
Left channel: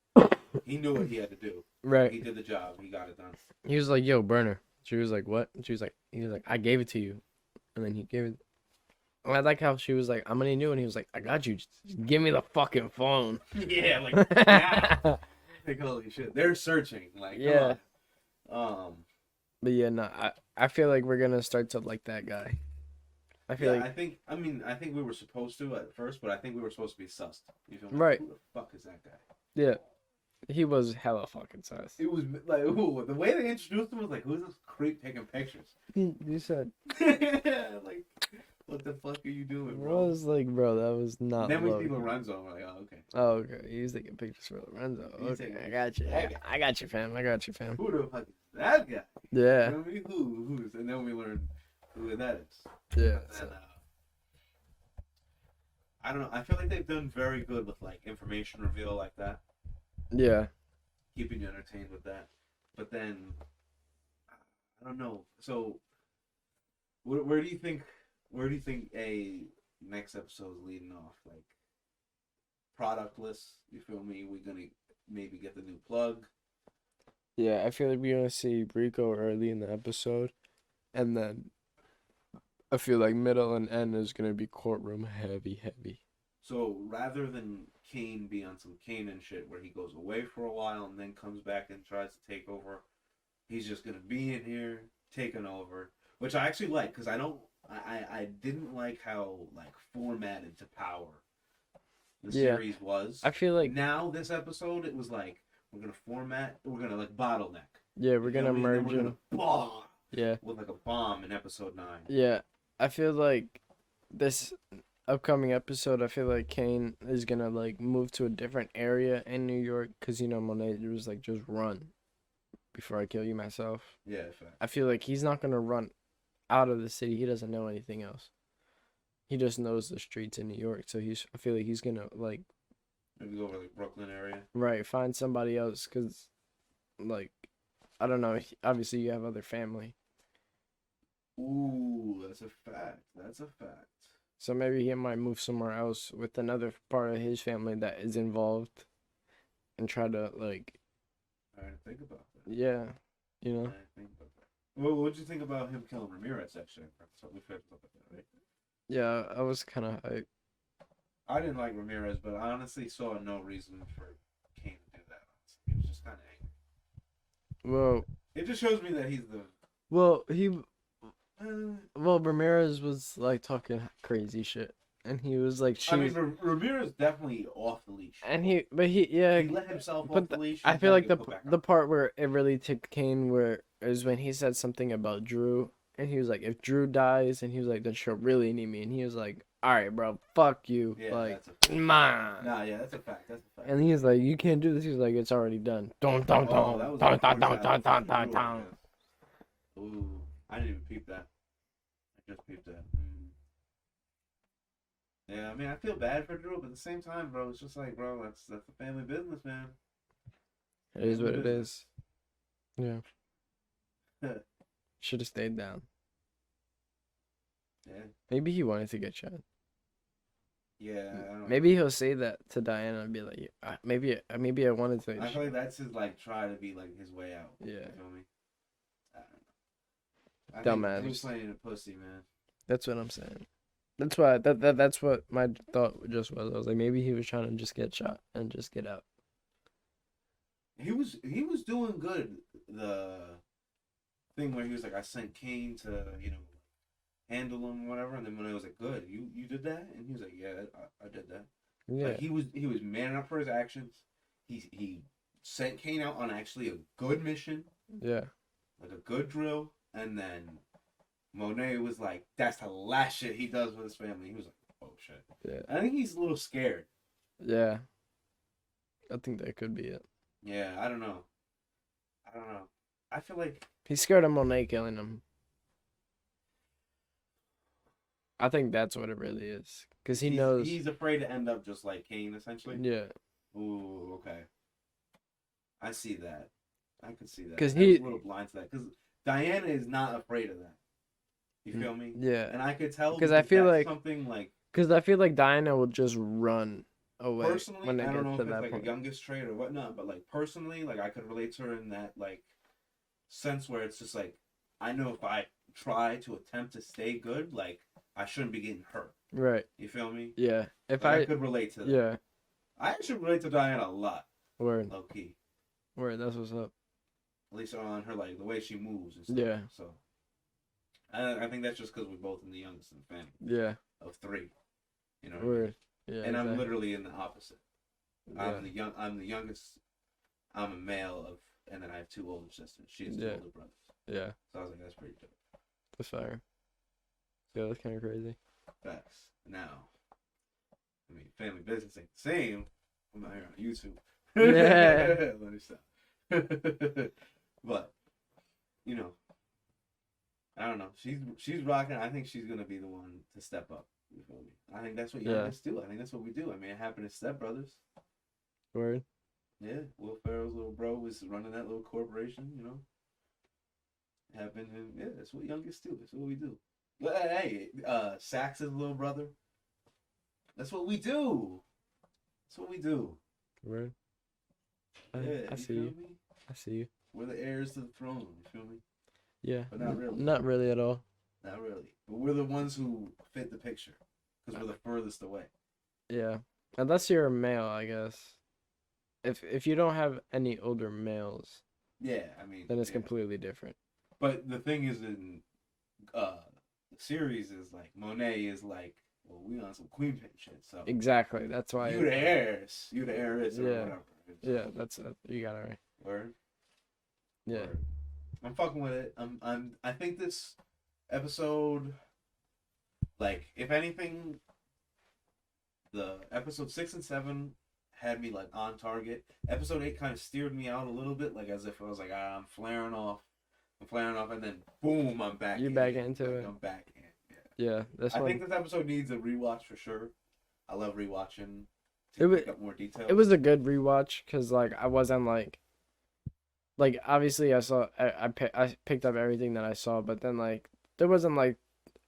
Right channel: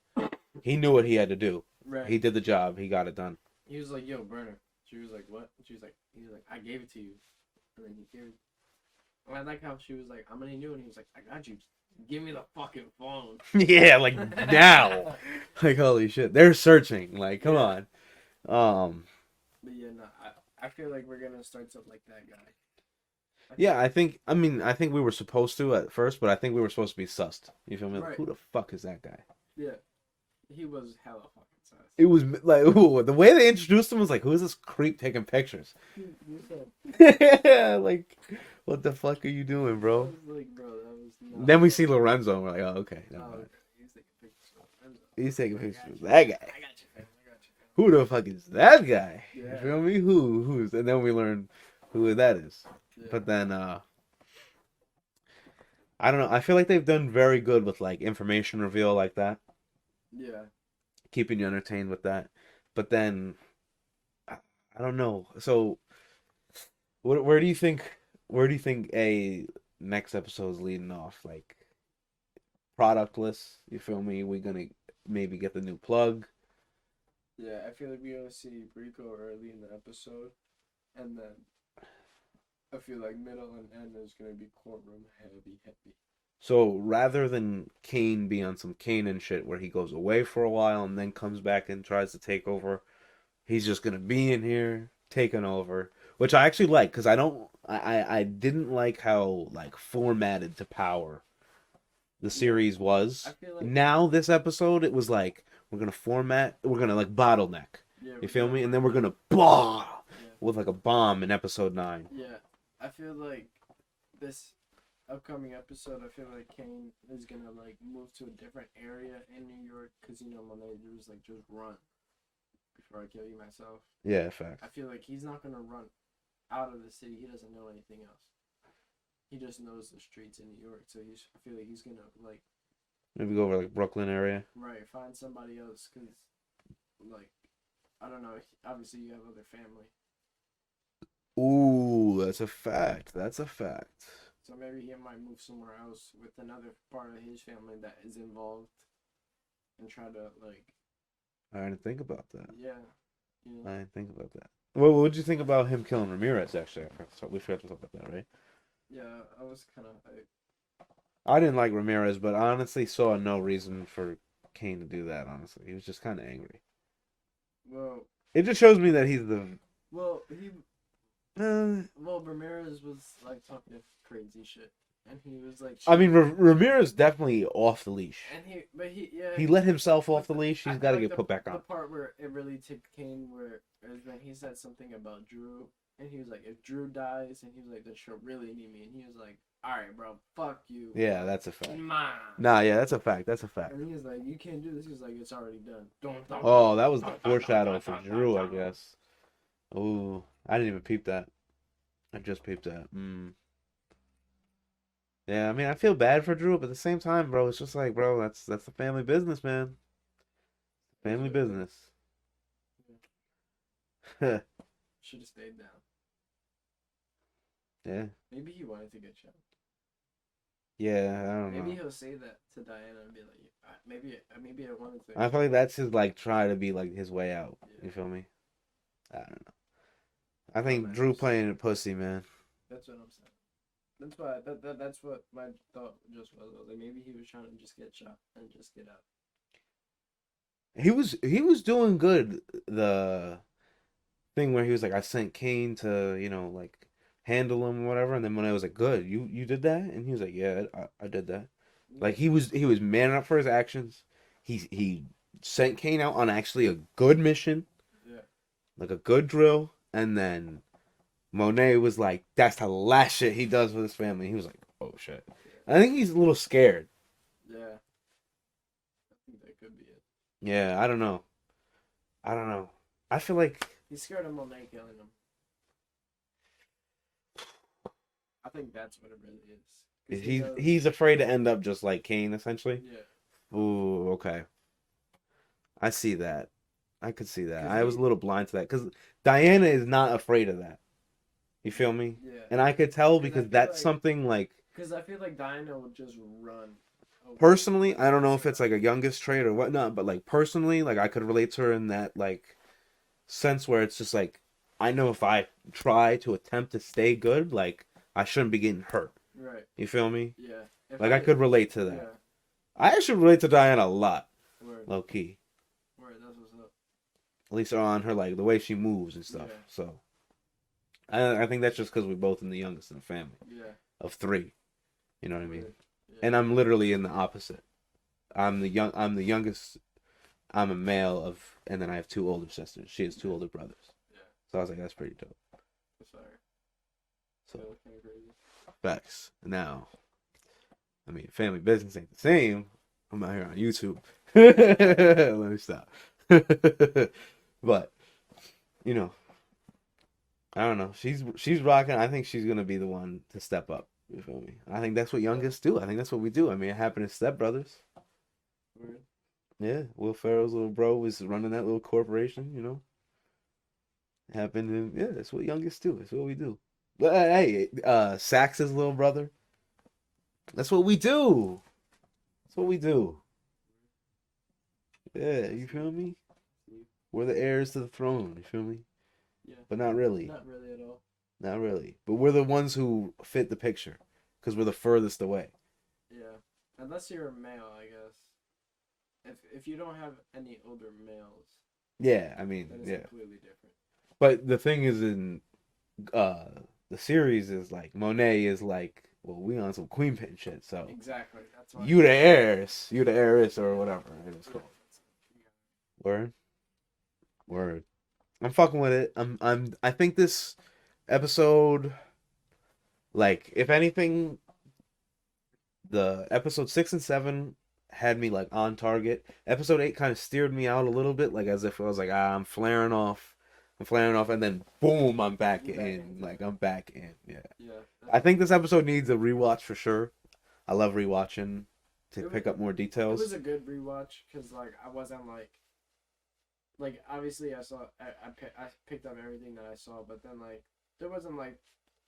He knew what he had to do. Right. He did the job. He got it done. He was like, "Yo, burner." She was like, "What?" He was like, "I gave it to you," and then he gave it. And I like how she was like, "I'm gonna need you," and he was like, "I got you. Just give me the fucking phone." Yeah, like now. Like, holy shit, they're searching. Like, come on. But yeah, no, I feel like we're gonna start to like that guy. I think we were supposed to at first, but I think we were supposed to be sussed. You feel me? Like, Right. who the fuck is that guy? Yeah, he was hella fucking sus. It was like, ooh, the way they introduced him was like, who is this creep taking pictures? You said. Yeah, like, What the fuck are you doing, I bro? was like, bro, that was not. Then we Logan. see Lorenzo, and we're like, oh, okay. Oh, okay. He's taking pictures for Lorenzo. He's Okay, taking pictures I got of you. that guy. I got you, fam. I got you, fam. Who the fuck is that guy? Yeah. You know me? Who's? And then we learn who that is. Yeah. But then, I don't know. I feel like they've done very good with like information reveal like that, Yeah. keeping you entertained with that. But then, I don't know. So, where do you think? Where do you think a next episode's leading off? Like, productless. You feel me? We're gonna maybe get the new plug. Yeah, I feel like we're gonna see Rico early in the episode, and then I feel like middle and end is gonna be courtroom heavy. So rather than Kane be on some Kanan shit where he goes away for a while and then comes back and tries to take over, he's just gonna be in here taking over, which I actually like because I didn't like how like formatted to power the series was. I feel like now this episode it was like we're gonna like bottleneck. yeah, You we're feel gonna me? And then we're merge gonna them. Yeah. with like a bomb in episode 9. Yeah, I feel like this upcoming episode, I feel like Kane is gonna like move to a different area in New York because Monet was like just run before I kill you myself. Yeah, fact. I feel like he's not gonna run out of the city. He doesn't know anything else. He just knows the streets in New York, so I feel like he's gonna like Maybe go over like Brooklyn area. right find somebody else because like I don't know. Obviously, you have other family. Ooh, that's a fact. That's a fact. So maybe he might move somewhere else with another part of his family that is involved and try to like I didn't think about that. yeah, you know. I didn't think about that. Well, what would you think about him killing Ramirez? Actually, so we forgot to talk about that, right? Yeah, I was kind of hyped. I didn't like Ramirez, but I honestly saw no reason for Kane to do that. Honestly, he was just kind of angry. Well, It just shows me that he's the. Ramirez was like talking crazy shit, and he was like. I mean, Ramirez definitely off the leash. And he He let himself off the leash. I He's feel gotta like get put back the on. part where it really took Kane where is when he said something about Drew, and he was like, if Drew dies, and he was like, then she'll really need me, and he was like, all right, bro, fuck you. Yeah, like, that's a fact. man. Nah, yeah, that's a fact. That's a fact. And he was like, you can't do this. He was like, it's already done. Oh, that was the foreshadow for Drew, I guess. Ooh, I didn't even peep that. I just peeped that. Yeah, I mean, I feel bad for Drew, but at the same time, bro, it's just like, bro, that's the family business, man. It is Family what it business. is. Yeah. Should have stayed down. Yeah. Maybe he wanted to get shot. Yeah, I don't Maybe know. he'll say that to Diana and be like, maybe I wanted to. I feel like that's his, like, try to be, like, his way out. Yeah. You feel me? I don't know. I think Dumbass. Drew playing a pussy, man. That's what I'm saying. That's why that's what my thought just was. I was like, maybe he was trying to just get shot and just get out. He was doing good. The thing where he was like, I sent Kane to, like, handle him or whatever, and then when I was like, good, you did that? And he was like, yeah, I did that. Yeah. Like, he was manning up for his actions. He sent Kane out on actually a good mission. Yeah. Like a good drill, and then Monet was like, that's the last shit he does with his family. He was like, oh shit. Yeah. I think he's a little scared. Yeah. I think that could be it. Yeah, I don't know. I feel like He's scared of Monet killing him. I think that's what it really is. Because he knows. he's afraid to end up just like Kane, essentially. Yeah. Ooh, okay. I see that. I could see that. 'Cause I was a little blind to that because Diana is not afraid of that. You feel me? Yeah. And I could tell 'Cause because I feel that's like- something like. Because I feel like Diana will just run away. Personally, when it I don't gets know to if it's that like a point. youngest trait or whatnot, but like personally, like I could relate to her in that like sense where it's just like I know if I try to attempt to stay good, like I shouldn't be getting hurt. Right. You feel me? Yeah. If Like I could relate to that. Yeah. I actually relate to Diana a lot, Word. low key. Word. That's what's up. At least on her like the way she moves and stuff. Yeah. So I think that's just because we're both in the youngest in the family Yeah. of 3. You know what I mean? Word. Yeah. And I'm yeah. literally in the opposite. I'm the youngest. I'm a male and then I have 2 older sisters. She has 2 Yeah. older brothers. Yeah. So I was like, that's pretty dope. That's fire. So that's kind of crazy. Facts. Now, I mean, family business ain't the same. I'm out here on YouTube. Yeah. Let me stop. But, you know, I don't know. She's rocking. I think she's gonna be the one to step up. You feel me? I think that's what youngest do. I think that's what we do. I mean, it happened to Step Brothers. Word. Yeah, Will Ferrell's little bro was running that little corporation. You know, it happened, and yeah, that's what youngest do. That's what we do. But hey, Sax's little brother. That's what we do. That's what we do. Word. Yeah, I you see feel you. me? I see you. We're the heirs to the throne. You feel me? Yeah. But not really. Not really at all. Not really. But we're the ones who fit the picture because we're the furthest away. Yeah. Unless you're a male, I guess. If you don't have any older males, Yeah, I mean, then it's yeah. completely different. But the thing is, in the series is like Monet is like, well, we on some queen pin shit, so Exactly. That's why. you the heiress, you the heiress, or Yeah. whatever. Yeah, that's you got it right. Word. Yeah. Word. I'm fucking with it. I think this episode, like, if anything, the episode 6 and 7 had me like on target. Episode 8 kind of steered me out a little bit, like as if I was like, I'm flaring off, and then boom, I'm back You're in. back into like it. I'm back in. Yeah. Yeah. I think this episode needs a rewatch for sure. I love rewatching to pick up more details. It was a good rewatch because like I wasn't like obviously I saw I picked up everything that I saw, but then like there wasn't like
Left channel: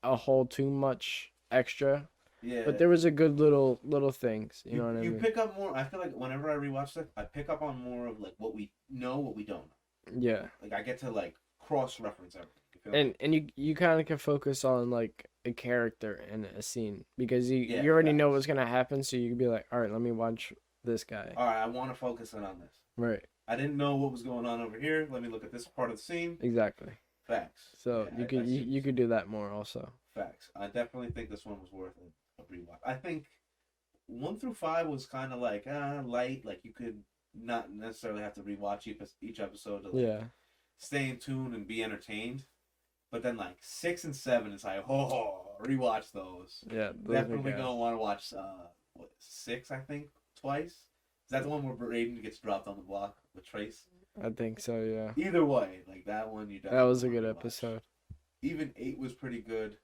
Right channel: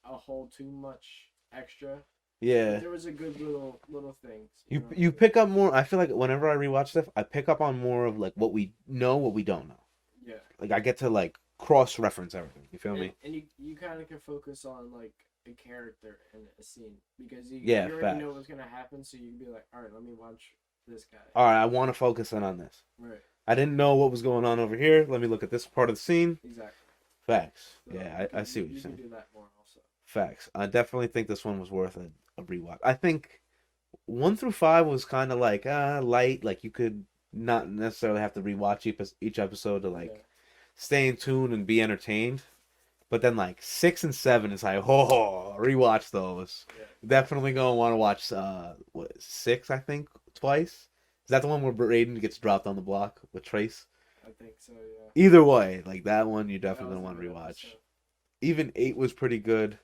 a whole too much extra. Yeah. But there was a good little things. You know what I mean? pick up more. I feel like whenever I rewatch stuff, I pick up on more of like what we know, what we don't know. Yeah. Like I get to like cross reference everything. You feel me? And you kind of can focus on like a character and a scene because you Yeah, already know facts. what's gonna happen, so you can be like, all right, let me watch this guy. All right, I want to focus in on this. Right. I didn't know what was going on over here. Let me look at this part of the scene. Exactly. Facts. So yeah, you could I see what you you're could saying. do that more also. Facts. I definitely think this one was worth a rewatch. I think 1 through 5 was kind of like light. Like you could not necessarily have to rewatch each episode to like stay in tune and be entertained. But then like 6 and 7 is like, rewatch those. Yeah. Definitely gonna want to watch 6, I think, twice. Is that the one where Raiden gets dropped on the block with Trace? I think so. Yeah. Either way, like that one, you definitely That was a wanna good rewatch. episode. Even 8 was pretty good.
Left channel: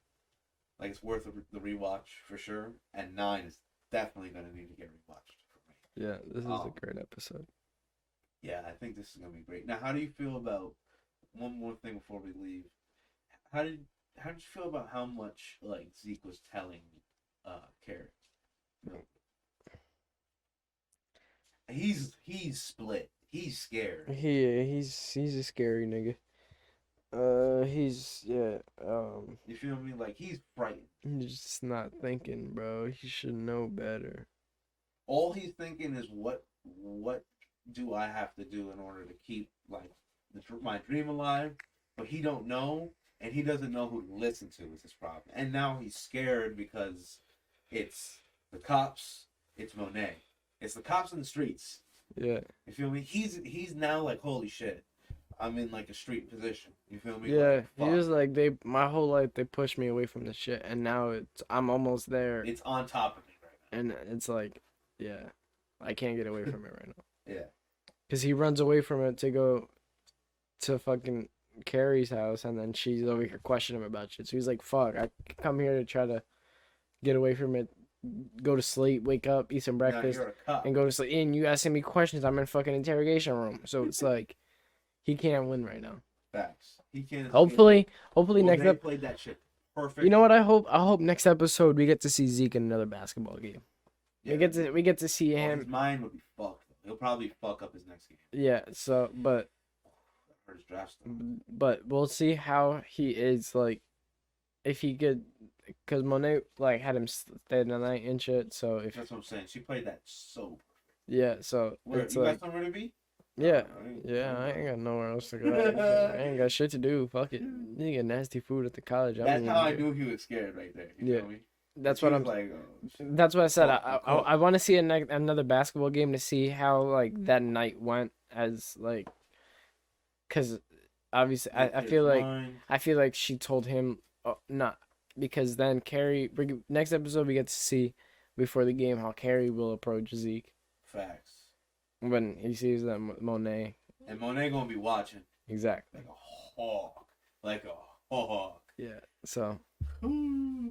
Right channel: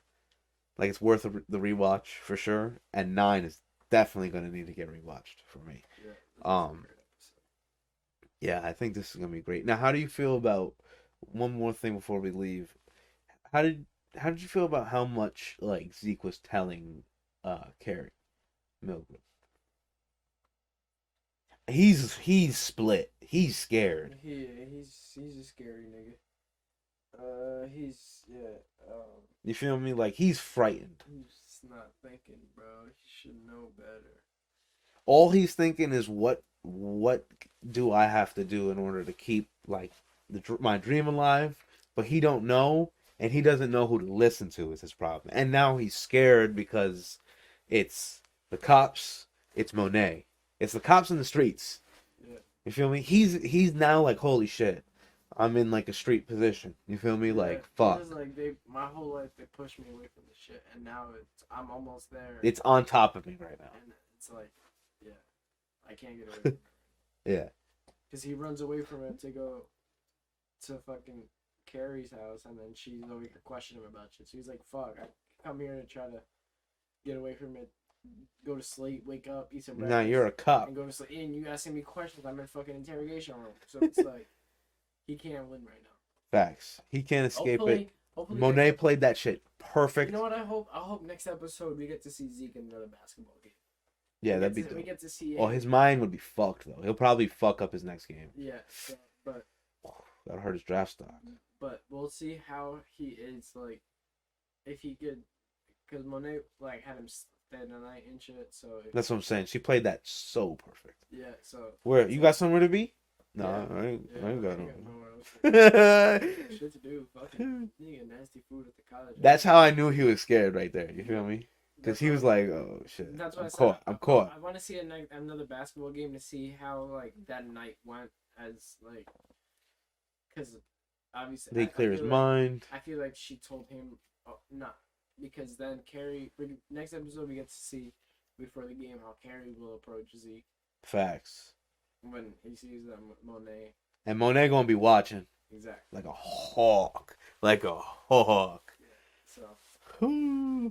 Like it's worth the rewatch for sure. And 9 is definitely gonna need to get rewatched for me. Yeah, this is a great episode. Yeah, I think this is gonna be great. Now, how do you feel about one more thing before we leave? How did you feel about how much like Zeke was telling Carrie Mildred? He's split. He's scared. He's a scary nigga. You feel me? Like he's frightened. He's just not thinking, bro. He should know better. All he's thinking is what do I have to do in order to keep like my dream alive? But he don't know, and he doesn't know who to listen to is his problem. And now he's scared because it's the cops, it's Monet. It's the cops in the streets. Yeah. You feel me? He's now like, holy shit. I'm in like a street position. You feel me? Yeah, Like fuck. he was like my whole life they pushed me away from the shit, and now I'm almost there. It's on top of me right now. And it's like, yeah, I can't get away from it right now. Yeah. Cause he runs away from it to go to fucking Carrie's house, and then she's over here questioning him about shit. So he's like, "Fuck, I come here to try to get away from it, go to sleep, wake up, eat some breakfast, Now you're a cop. and go to sleep. And you asking me questions. I'm in fucking interrogation room. So it's like, he can't win right now. Facts. He can't escape Hopefully Monet next played that shit perfect. You know what I hope? I hope next episode we get to see Zeke in another basketball game. Yeah, we get to see him. Well, his mind would be fucked though. He'll probably fuck up his next game. Yeah. So, but That'll hurt his draft stock. But we'll see how he is, like, if he could, because Monet like had him stay the night and shit. So if That's what I'm saying. She played that so perfect. yeah, so Where it's you like, got somewhere to be? No, Yeah. I ain't I ain't got nowhere else to go. I ain't got shit to do. Fuck it. You get nasty food at the college. That's how I knew he was scared right there. You feel me? That's He what was I'm, like, oh shit. That's what I said. I'm caught. I want to see another basketball game to see how like that night went, as like, because obviously Make I clear feel his like mind. I feel like she told him, not because then next episode we get to see before the game how Carrie will approach Zeke Facts. when he sees that Monet. And Monet gonna be watching Exactly. like a hawk. Like a hawk. Yeah. So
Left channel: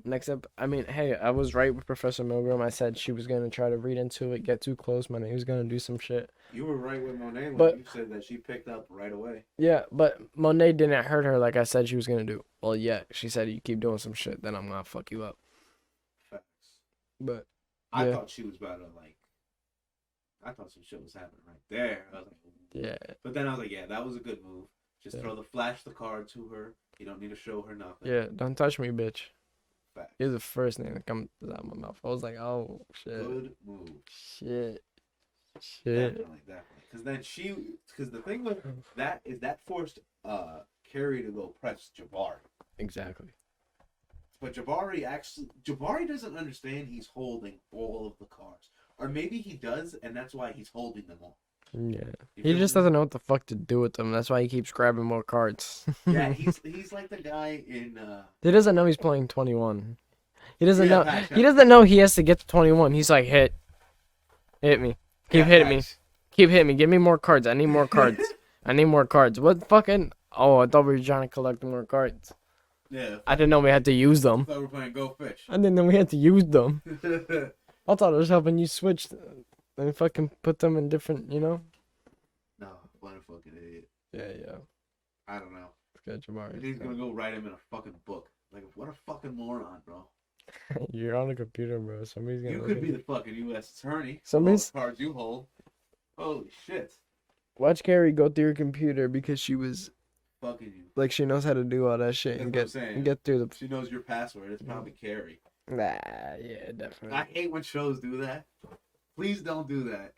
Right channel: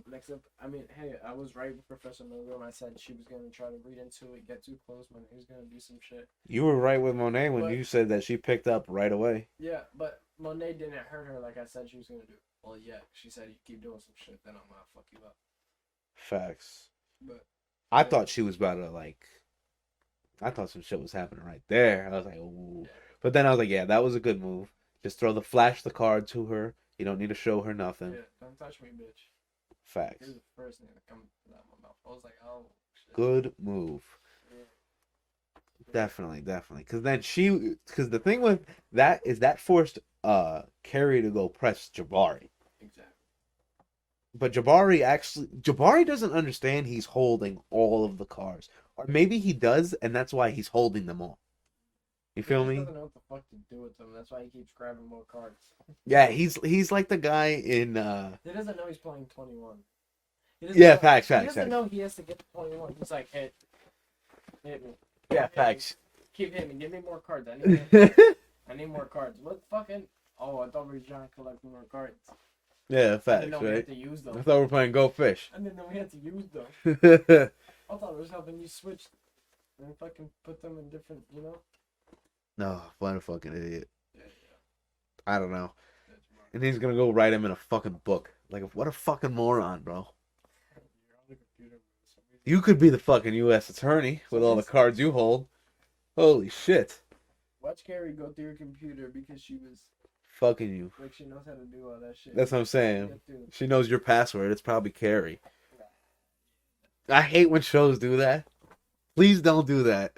next up, I mean, hey, I was right with Professor Milgram. I said she was gonna try to read into it, get too close. Monet was gonna do some shit. You were right with Monet when But- you said that she picked up right away. Yeah, but Monet didn't hurt her like I said she was gonna do. Well, yeah, she said you keep doing some shit, then I'm gonna fuck you up. Facts. But I Yeah. thought she was about to like. I thought some shit was happening right there. I was like, ooh. yeah, But then I was like, yeah, that was a good move. Just Yeah. throw the card to her. You don't need to show her nothing. yeah, don't touch me, bitch. Facts. You're the first name that comes out of my mouth. I was like, oh shit, Good move. shit. Definitely. Because then because the thing with that is that forced Carrie to go press Jabari. Exactly. But Jabari doesn't understand he's holding all of the cards. Or maybe he does, and that's why he's holding them all. Yeah. You He feel just me? doesn't know what the fuck to do with them. That's why he keeps grabbing more cards. Yeah, he's like the guy in He doesn't know he's playing 21. He doesn't Yeah, know. facts, He facts, doesn't facts. know he has to get to 21. He's like, hit me, keep hitting me, facts. keep hitting me. Give me more cards. I need more cards. I need more cards. What fucking? Oh, I thought we were trying to collect more cards. Yeah, I didn't know we had to use I them. thought we were playing Go Fish. I didn't know we had to use them. I thought it was helping you switch and fucking put them in different, you know? No, what a fucking idiot. Yeah, yeah. I don't know. Good, Jamari. And he's gonna go write him in a fucking book. Like, what a fucking moron, bro. You're on a computer, bro. Somebody's You could be the fucking U.S. attorney with all the Somebody's- cards you hold. Holy shit. Watch Carrie go through your computer because she was Fucking you. like she knows how to do all that shit. That's and what I'm get- saying. and Get through the. She knows your password. It's probably Carrie. Nah, yeah, definitely. I hate when shows do that. Please don't do that.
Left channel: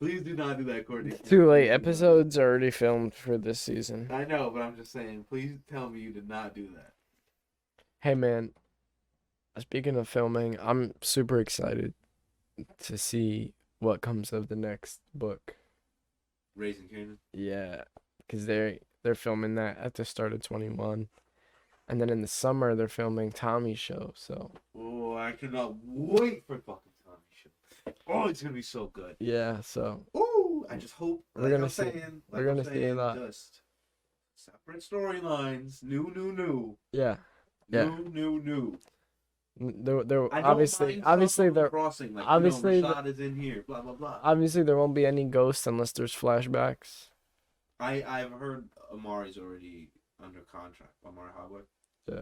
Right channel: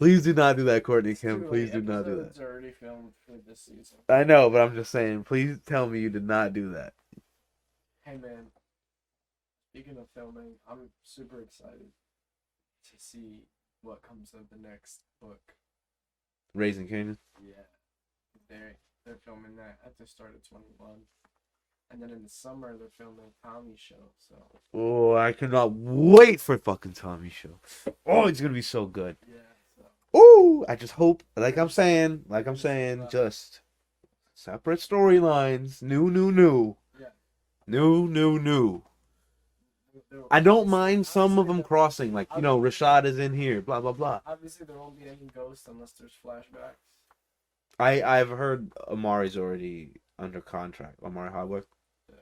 Please do not do that, Courtney. It's Kim. too late. Please do not do Episodes are already filmed for this season. that. I know, but I'm just saying. Please tell me you did not do that. Hey, man. Speaking of filming, I'm super excited to see what comes of the next book. Raising Canaan. Yeah, because they're filming that at the start of 21, and then in the summer they're filming Tommy's show. So Oh, I cannot wait for fucking Tommy's show. Oh, it's gonna be so good. yeah, so Ooh, I just hope, We're like gonna I'm see- saying, we're gonna see that. just separate storylines. New. yeah, New. There. I don't obviously- mind some of obviously them there- crossing, like, obviously Rashad is in here, blah, blah, blah. Obviously, there won't be any ghosts unless there's flashbacks. I've heard Amari's already under contract. Amari Hardwick. Yeah,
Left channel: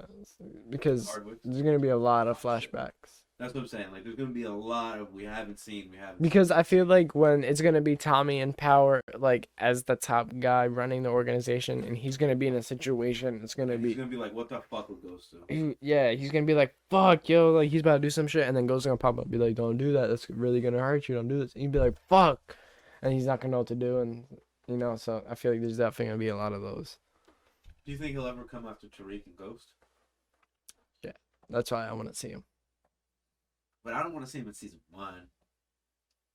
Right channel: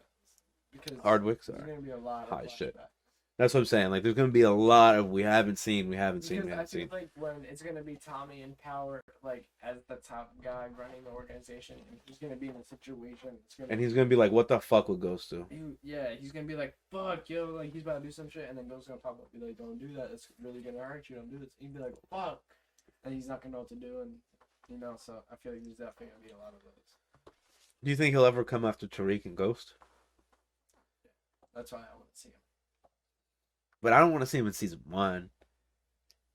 because Hardwick. there's gonna be a lot of Oh, shit. flashbacks. That's what I'm saying. Like, there's gonna be a lot of we haven't seen. Because I feel like when it's gonna be Tommy in power, like as the top guy running the organization, and he's gonna be in a situation, it's gonna and be he's gonna be like, "What the fuck would Ghost do?" yeah, he's gonna be like, fuck, yo, like he's about to do some shit, and then Ghost's gonna pop up, be like, don't do that, that's really gonna hurt you, don't do this. And he'd be like, fuck, and he's not gonna know what to do, and you know, so I feel like there's definitely gonna be a lot of those. Do you think he'll ever come after Tariq and Ghost? That's why I want to see him. But I don't want to see him in season 1.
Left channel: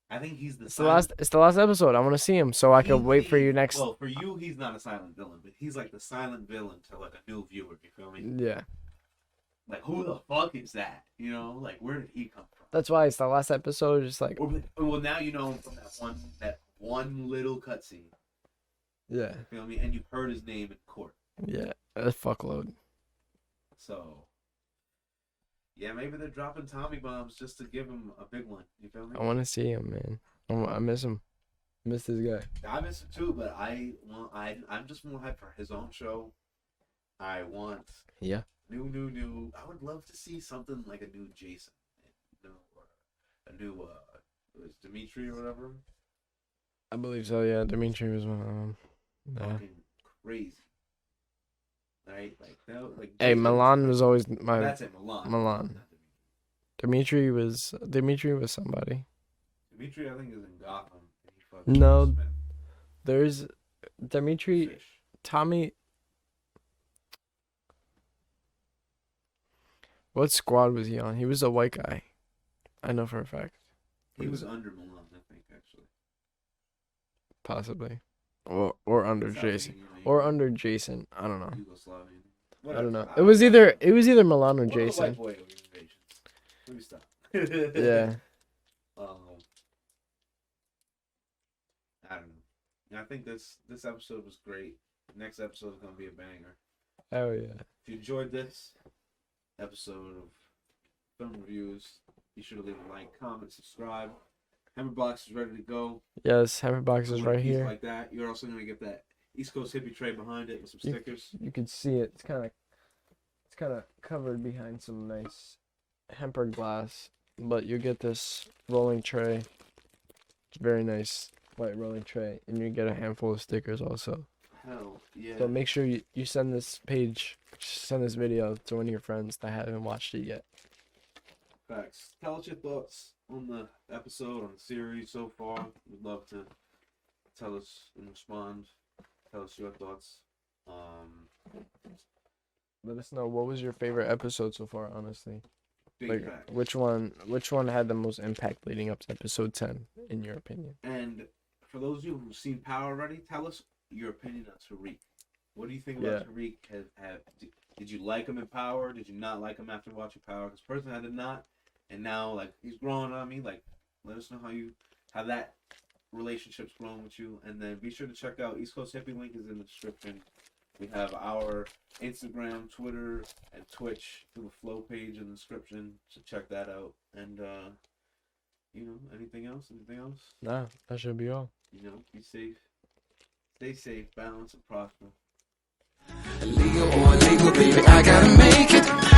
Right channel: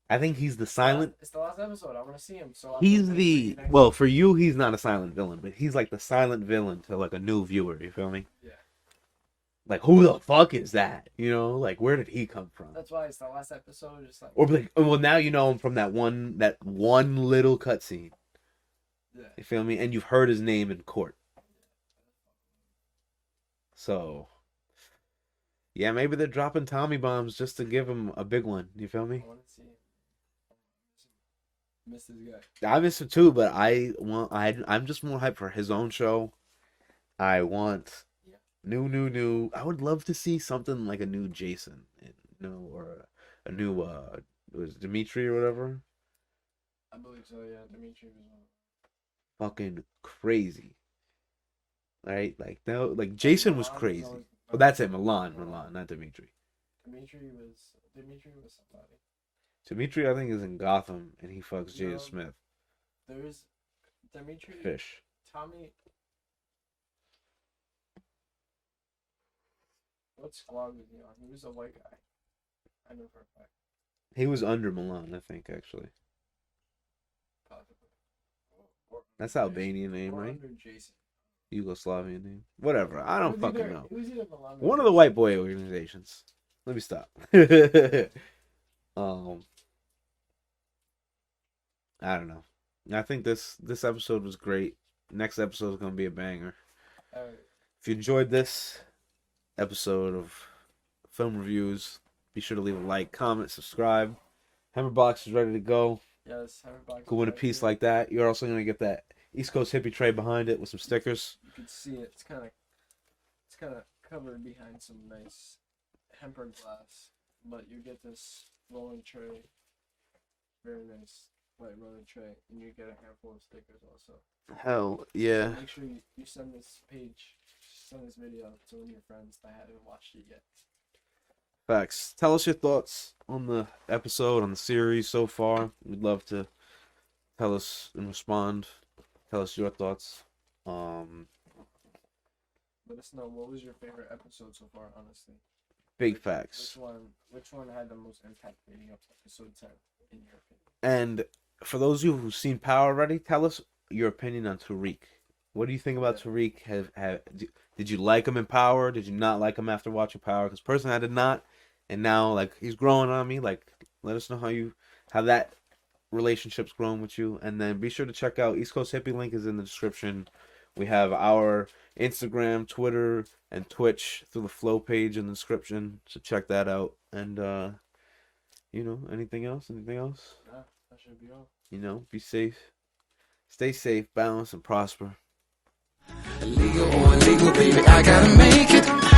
I think he's the It's the last, silent. it's the last episode. I want to see him, so I can He's wait for the- you next. Well, for you, he's not a silent villain, but he's like the silent villain to like a new viewer. You feel me? Yeah, Like, who the fuck is that? You know, like, where did he come from? that's why it's the last episode. Just like Or be like, oh, well, now you know him from that one little cutscene. yeah, You feel me? And you've heard his name in court. yeah, a fuckload. So, yeah, maybe they're dropping Tommy bombs just to give him a big one. You feel me? I want to see him, man. I miss him. I miss this guy. I miss him too, but I'm just more hyped for his own show. I want Yeah. new. I would love to see something like a new Jason, or a new was Dimitri or whatever. I believe so. Yeah, Dimitri was one of them. Yeah. Fucking crazy. Right? Like no, like Hey, Jason Milan was was crazy. always Oh, my. that's it, Milan, Milan. not Dimitri. Dimitri was somebody. Dimitri, I think, is in Gotham, and he fucks No. James Smith. There's Dimitri. Fish. Tommy. What squad was he on? He was a white guy. I know for a fact. He was under Milan, I think, actually. Possibly. or under That's Jason. Albanian name. Or right? under Jason. I don't know. Yugoslavian name. I Whatever. don't know. I It don't was fucking either know. Milan or One Jason. of the white boy organizations. Let me stop. Yeah. I don't know. I think this episode was great. Next episode is gonna be a banger. Oh yeah. If you enjoyed this episode of film reviews, be sure to leave a like, comment, subscribe. Hammerbox is ready to go. Yes, Hammerbox is With right a piece here. like that, you're also gonna get that East Coast hippie tray behind it with some stickers. You can see it. It's kind of covered behind some nice hemper glass, but you get this rolling tray. It's very nice white rolling tray, and you get a handful of stickers also. Hell yeah! So make sure you send this video to one of your friends that haven't watched it yet. Facts. Tell us your thoughts on the episode, on the series so far. We'd love to tell us and respond. Tell us your thoughts. Let us know what was your favorite episode so far, honestly. Big facts. Which one had the most impact leading up to episode 10 in your opinion? And for those of you who've seen Power already, tell us your opinion on Tariq. What do you think about Tariq? Did you like him in Power? Did you not like him after watching Power? Because personally, I did not. And now, like, he's growing on me. Like, let us know how that relationship's grown with you. And then be sure to check out East Coast Hippie. Link is in the description. We have our Instagram, Twitter, and Twitch through the Flow page in the description. So check that out. And, anything else? Nah, that should be all. Be safe. Stay safe, balance, and prosper. Illegal or illegal, baby, I gotta make it.